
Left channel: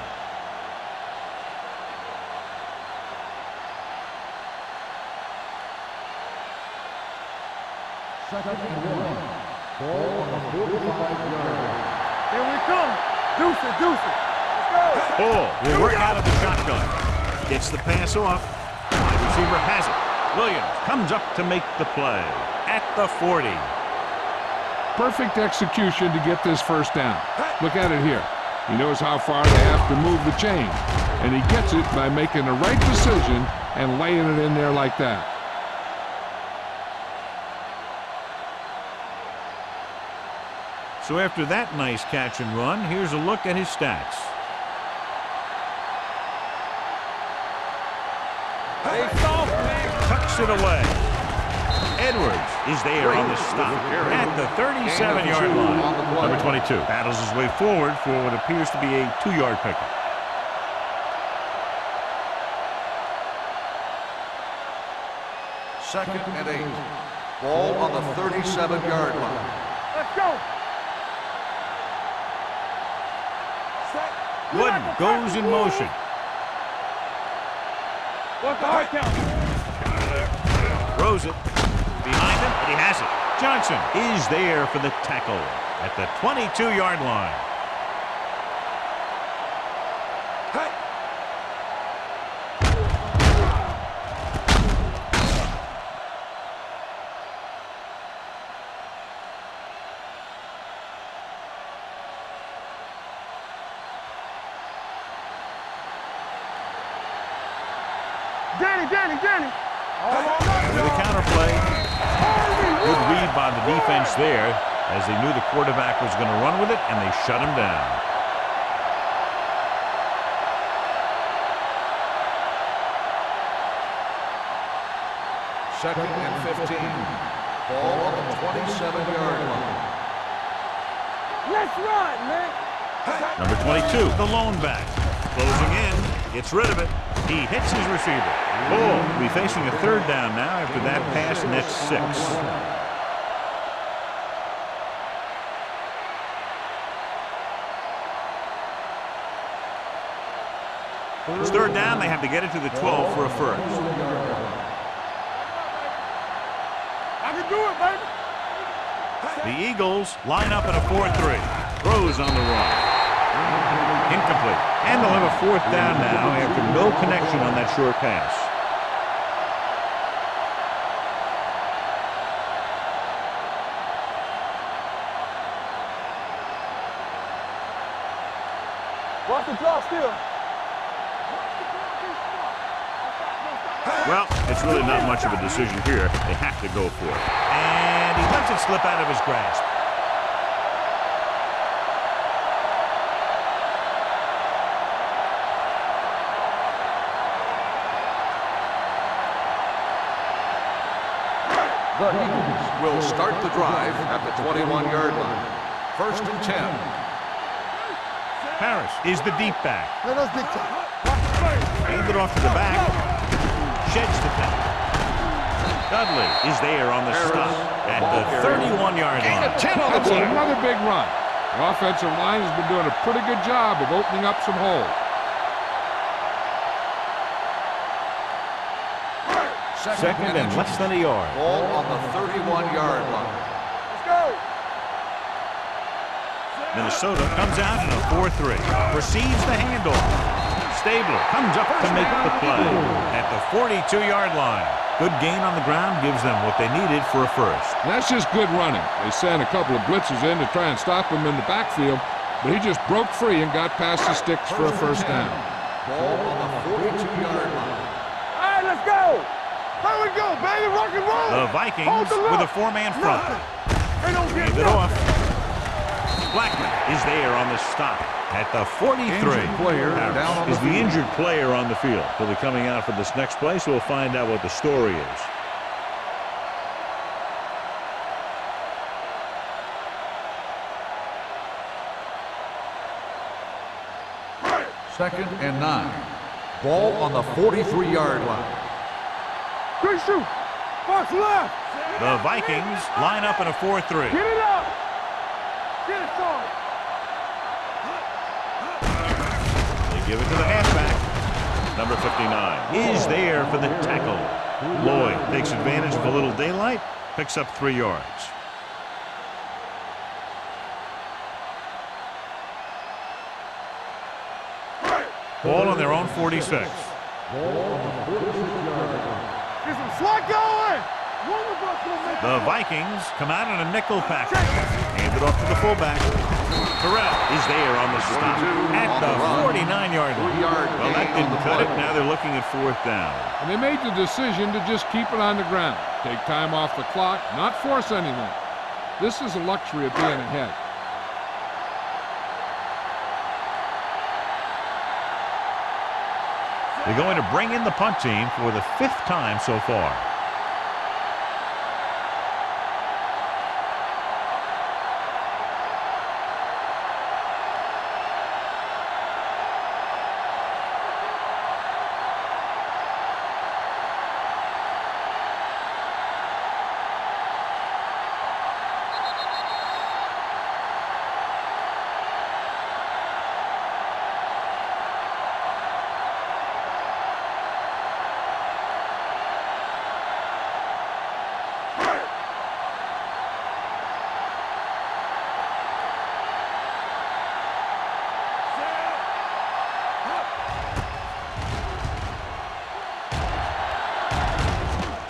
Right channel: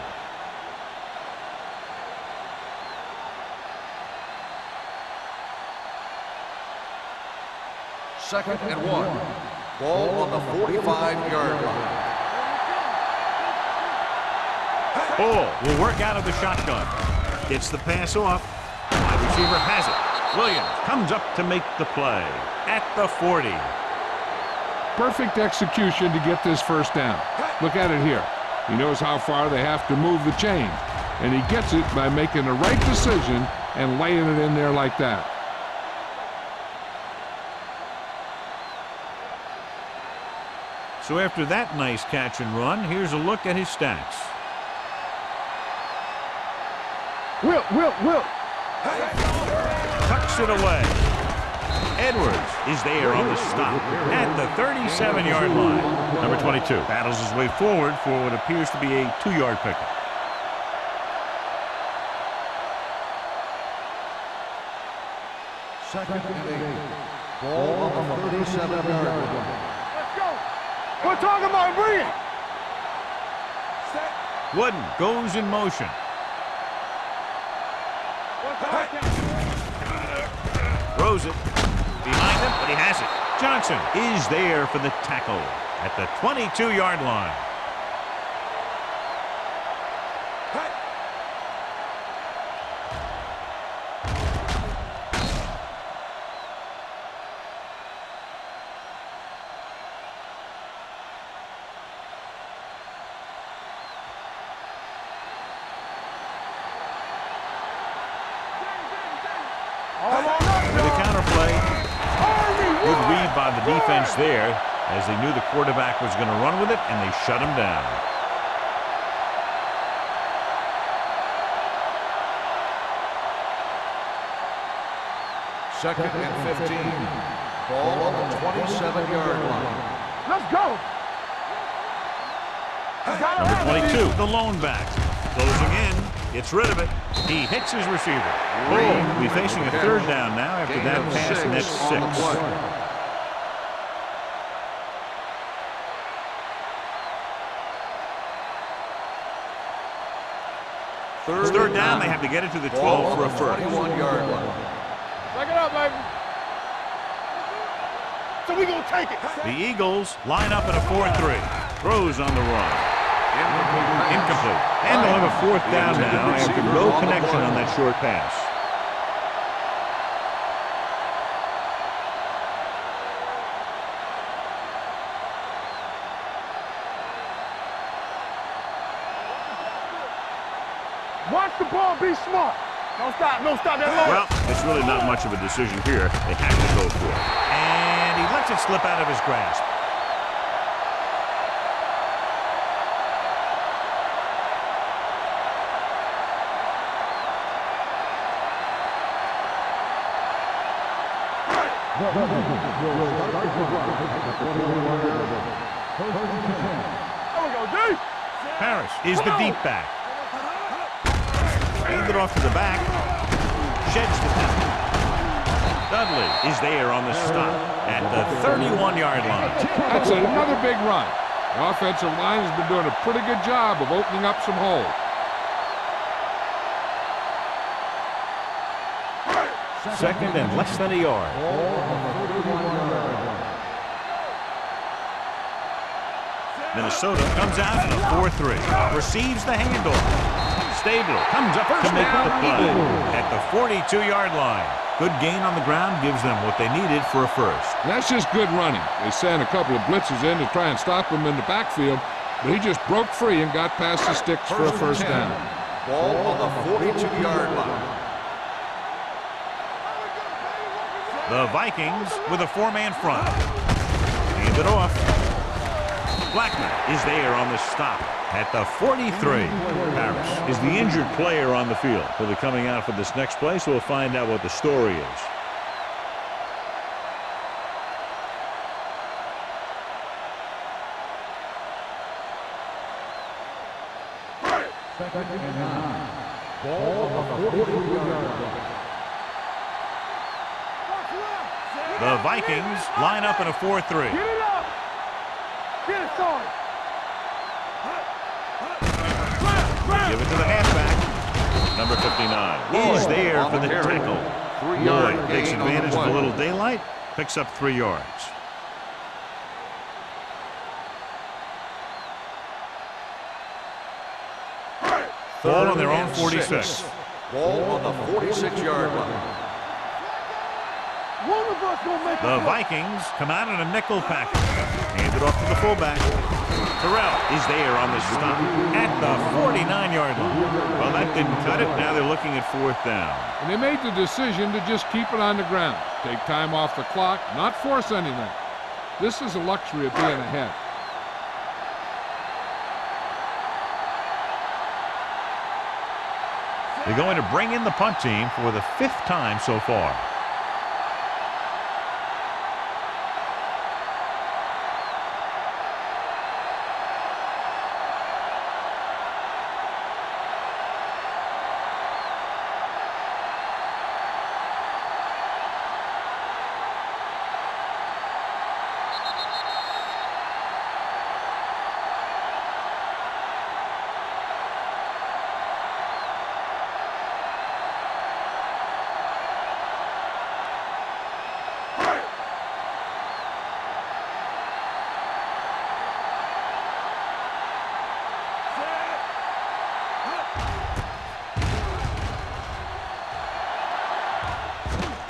Second and 1. Ball on the 45-yard line. Here we come. Deuce it. Ball will work out of the shotgun. Gets the pass off. Wide receiver has it. Williams comes up to make the play at the 40. Perfect execution to get this first down. Look at it here. He knows how far they have to move the chain, and he gets it by making the right decision and laying it in there like that. So after that nice catch and run, here's a look at his stats. Will. Tucks it away. Edwards is there on the stop at the 37-yard line. Number 22 battles his way forward for what appears to be a 2-yard pickup. Second and 8. Ball on the 37-yard line. Let's go. We're talking about bringing. Set. Wooden goes in motion. What's the high count? Throws it. Behind him, but he has it. Johnson is there for the tackle at the 22-yard line. Hey. Danny. With a counterplay. Good read by the defense there, as they knew the quarterback was going to run with it, and they shut him down. Second and 15. Ball on the 27-yard line. Let's go. Let's run, man. Number 22, the lone back. Closing in, gets rid of it. He hits his receiver. Bull will be facing a third down now after that pass, and that's 6. It's third down. They have to get it to the 12 for a first. 21-yard line. Check it out, baby. I can do it, baby. So we're going to take it. The Eagles line up in a 4-3. Throws on the run. Incomplete. And they'll have a fourth down now after no connection on that short pass. Watch the draw still. Watch the ball, be smart. Don't stop that. Well, it's really not much of a decision here. They have to go for it. And he lets it slip out of his grasp. The Eagles will start the drive at the 21-yard line. First and 10. Harris is the deep back. Let us dictate. Hand it off to the back. Sheds the tackle. Dudley is there on the stop at the 31-yard line. That's another big run. The offensive line has been doing a pretty good job of opening up some holes. Second and less than a yard. Ball on the 31-yard line. Minnesota comes out in a 4-3. Receives the handoff. Stabler comes up to make the play at the 42-yard line. Good gain on the ground gives them what they needed for a first. And that's just good running. They sent a couple of blitzes in to try and stop him in the backfield, but he just broke free and got past the sticks for a first down. Ball on the 42-yard line. All right, let's go. Here we go, baby. Rock and roll. The Vikings with a 4-man front. Hand it off. Blackman is there on the stop at the 43. Harris is the injured player on the field. He'll be coming out for this next play, so we'll find out what the story is. Second and 9. Ball on the 43-yard line. Quick shoot. Box left. The Vikings line up in a 4-3. Get it up. Get it started. They give it to the halfback. Number 59 is there for the tackle. Lloyd takes advantage of a little daylight, picks up 3 yards. Ball on their own 46. Ball on the 46-yard line. Get some slot going. One of us gonna make The Vikings come out in a nickel package. Hand it off to the fullback. Terrell is there on the stop at the 49-yard line. Well, that didn't cut it. Now they're looking at 4th down. And they made the decision to just keep it on the ground. Take time off the clock, not force anything. This is a luxury of being ahead. They're going to bring in the punt team for the 5th time so far.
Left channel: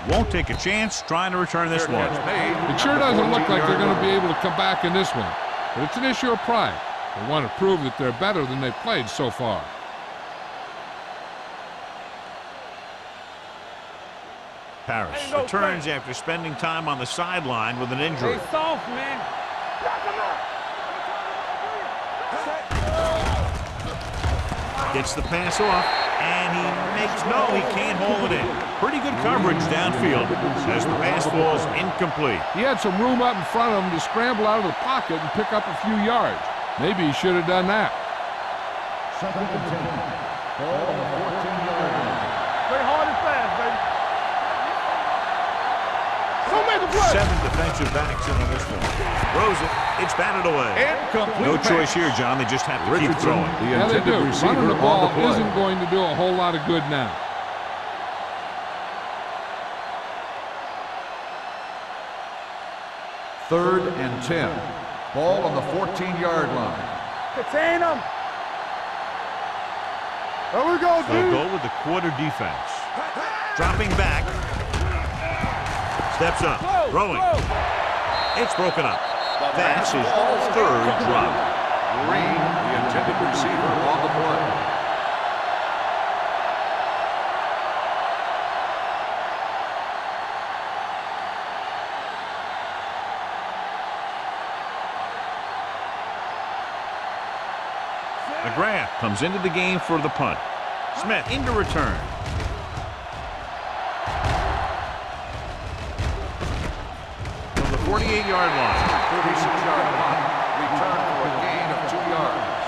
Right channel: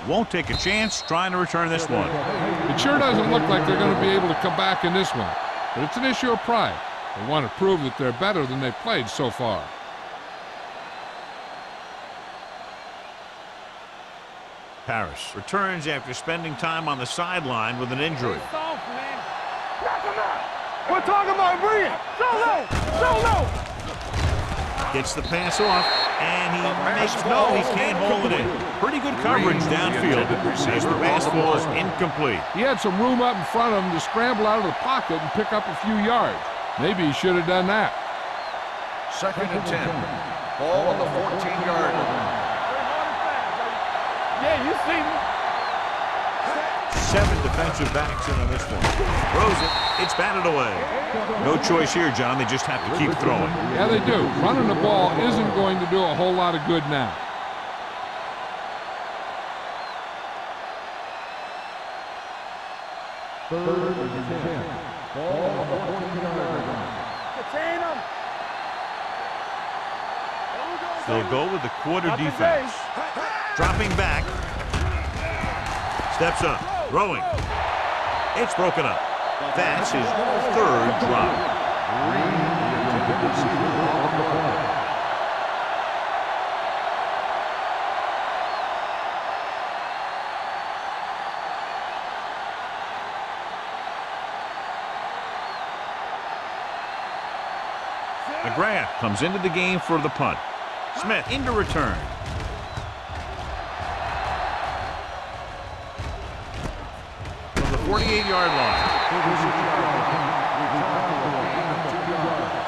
Won't take a chance trying to return this one. It sure doesn't look like they're going to be able to come back in this one, but it's an issue of pride. They want to prove that they're better than they've played so far. Paris returns after spending time on the sideline with an injury. Stay soft, man. Knock him out. We're talking about bringing. Go. Gets the pass off, and he makes he can't hold it in. Pretty good coverage downfield as the pass falls incomplete. He had some room up in front of him to scramble out of the pocket and pick up a few yards. Maybe he should have done that. Second and 10. Ball on the 14-yard line. Play hard and fast, baby. Yeah, you see me. 7 defensive backs in on this one. Throws it. It's batted away. No choice here, John. They just have to keep throwing. Yeah, they do. Running the ball isn't going to do a whole lot of good now. Third and 10. Ball on the 14-yard line. Contain them. There we go, They'll go with the quarter defense. Dropping back. Steps up. Throwing. It's broken up. That's his 3rd drop. Green, the intended receiver, on the play. McGrath comes into the game for the punt. Smith into return. From the 48-yard line. 36-yard line. Return for a gain of 2 yards.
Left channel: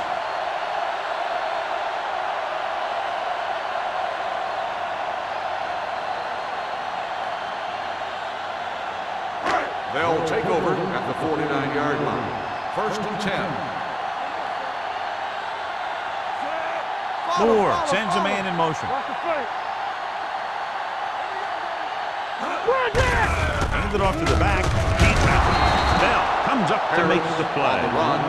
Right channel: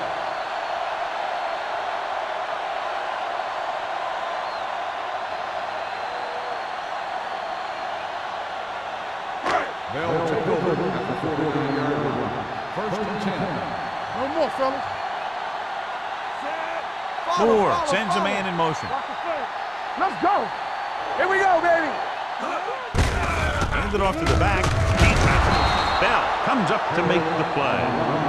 They'll take over at the 49-yard line. First and 10. No more, fellas. Moore sends a man in motion. Watch the flank. Let's go. Here we go, baby. Hand it off to the back. Can't tackle. Bell comes up to make the play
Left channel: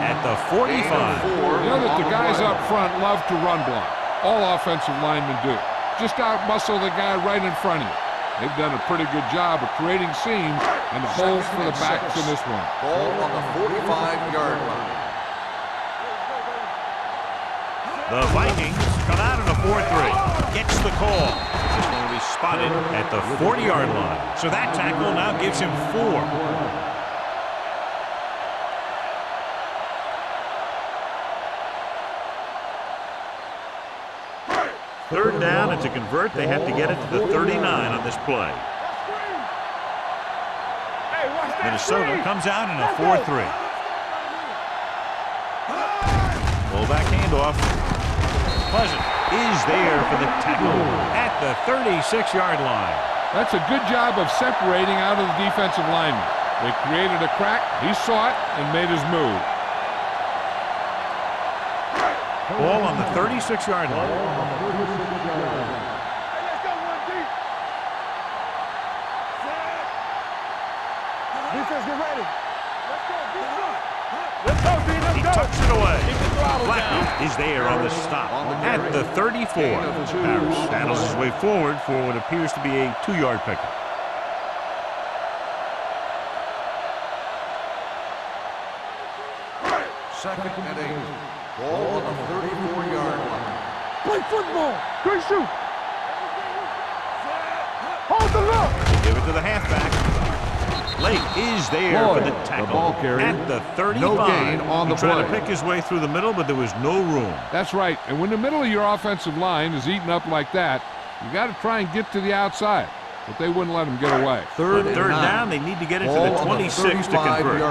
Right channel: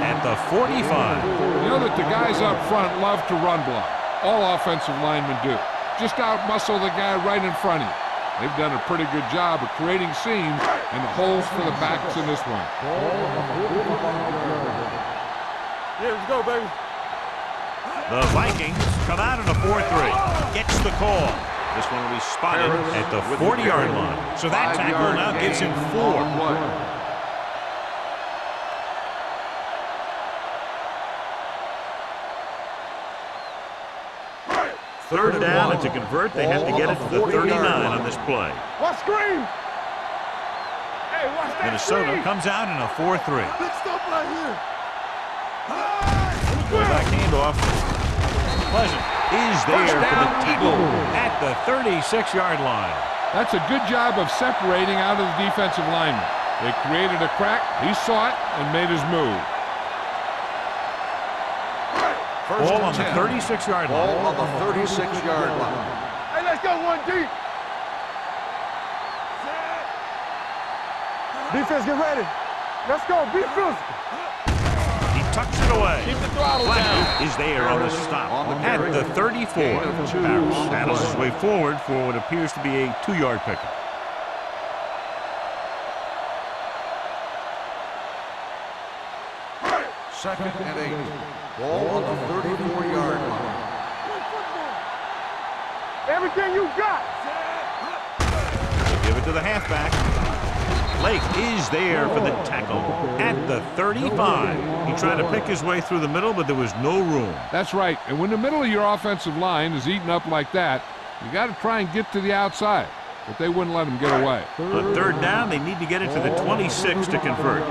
at the 45. You know that the guys up front love to run block. All offensive linemen do. Just out-muscle the guy right in front of you. They've done a pretty good job of creating seams and holes for the backs in this one. Ball on the 45-yard line. Here we go, baby. The Vikings come out in a 4-3. Gets the call. This one will be spotted at the 40-yard line. So that tackle now gives him 4. Third down, and to convert, they have to get it to the 39 on this play. Watch screen. Hey, watch that Minnesota screen. comes out in a 4-3. Fullback handoff. Pleasant is there for the tackle at the 36-yard line. That's a good job of separating out of the defensive lineman. They created a crack, he saw it, and made his move. Ball on the 36-yard Ball line. on the 36-yard line. Hey, let's go one deep. Defense, get ready. Let's go, defense. He tucks it away. Keep the throttle Blackman down. is there on the stop On the at carry. the 34. Gain of 2 Parrish on the battles play. his way forward for what appears to be a 2-yard pickup. Second and 8. Ball on the 34-yard line. Play football. Good shoot. Everything you got. Hold the look. Give it to the halfback. Lake is there for the Ball. tackle The ball carrier. at the 35. No gain on He the tried to play. pick his way through the middle, but there was no room. That's right, and when the middle of your offensive line is eaten up like that, you got to try and get to the outside, but they wouldn't let him get away. On third down, they need to get it to the 26 to convert.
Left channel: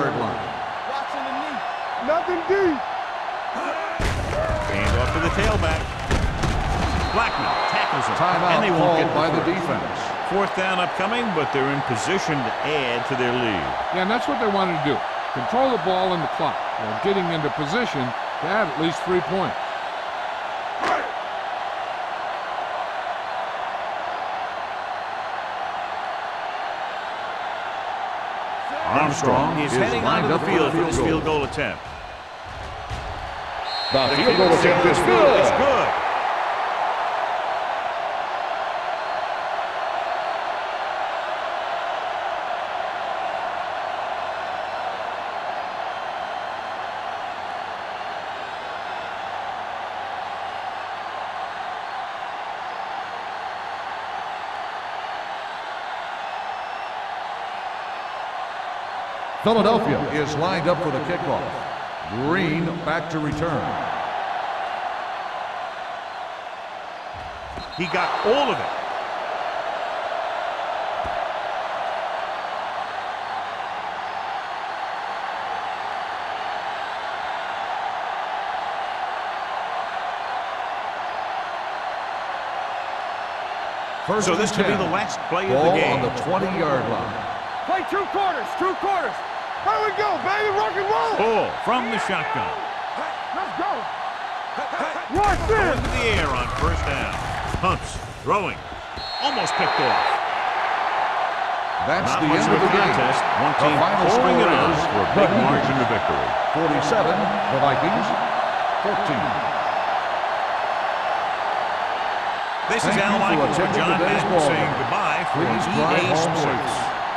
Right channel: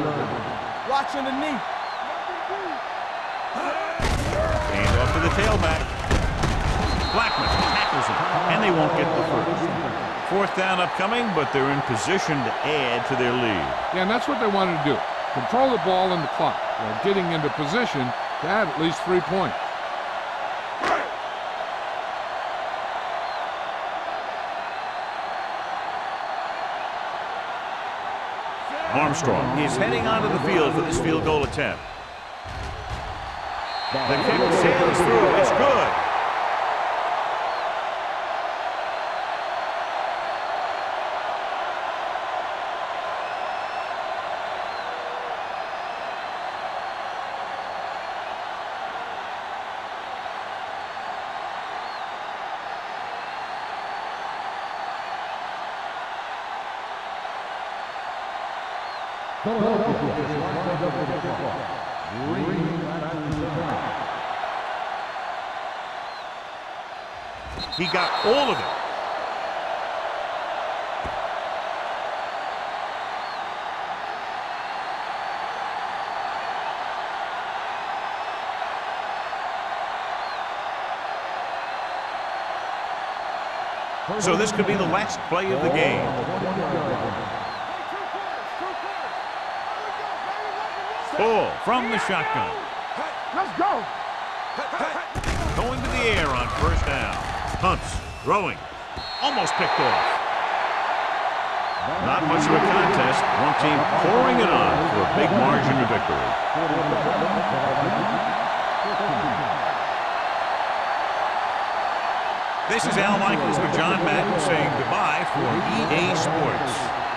Watching the knee. Nothing deep. Hand off to the tailback. Blackman tackles him, and they won't get the first. Fourth down upcoming, but they're in position to add to their lead. Yeah, and that's what they wanted to do. Control the ball and the clock while getting into position to add at least 3 points. Armstrong is heading onto the field for this field goal attempt. The kick sails through. It's good. Philadelphia is lined up for the kickoff. Green back to return. He got all of it. So this could be the last play of the game. On the 20-yard line. Play 2 quarters. 2 quarters. Here we go, baby. Rock and roll. Pull from the shotgun. Let's go. Going to the air on first down. Hunts, throwing, almost picked off. That's Not the much end of a the game. contest. One The team final pouring it score on is for a big Vikings margin of victory. 47, the Vikings, 14. This is Thank Al you for Michaels with attending John today's Madden ball saying game. goodbye for Please drive EA home Sports. safe.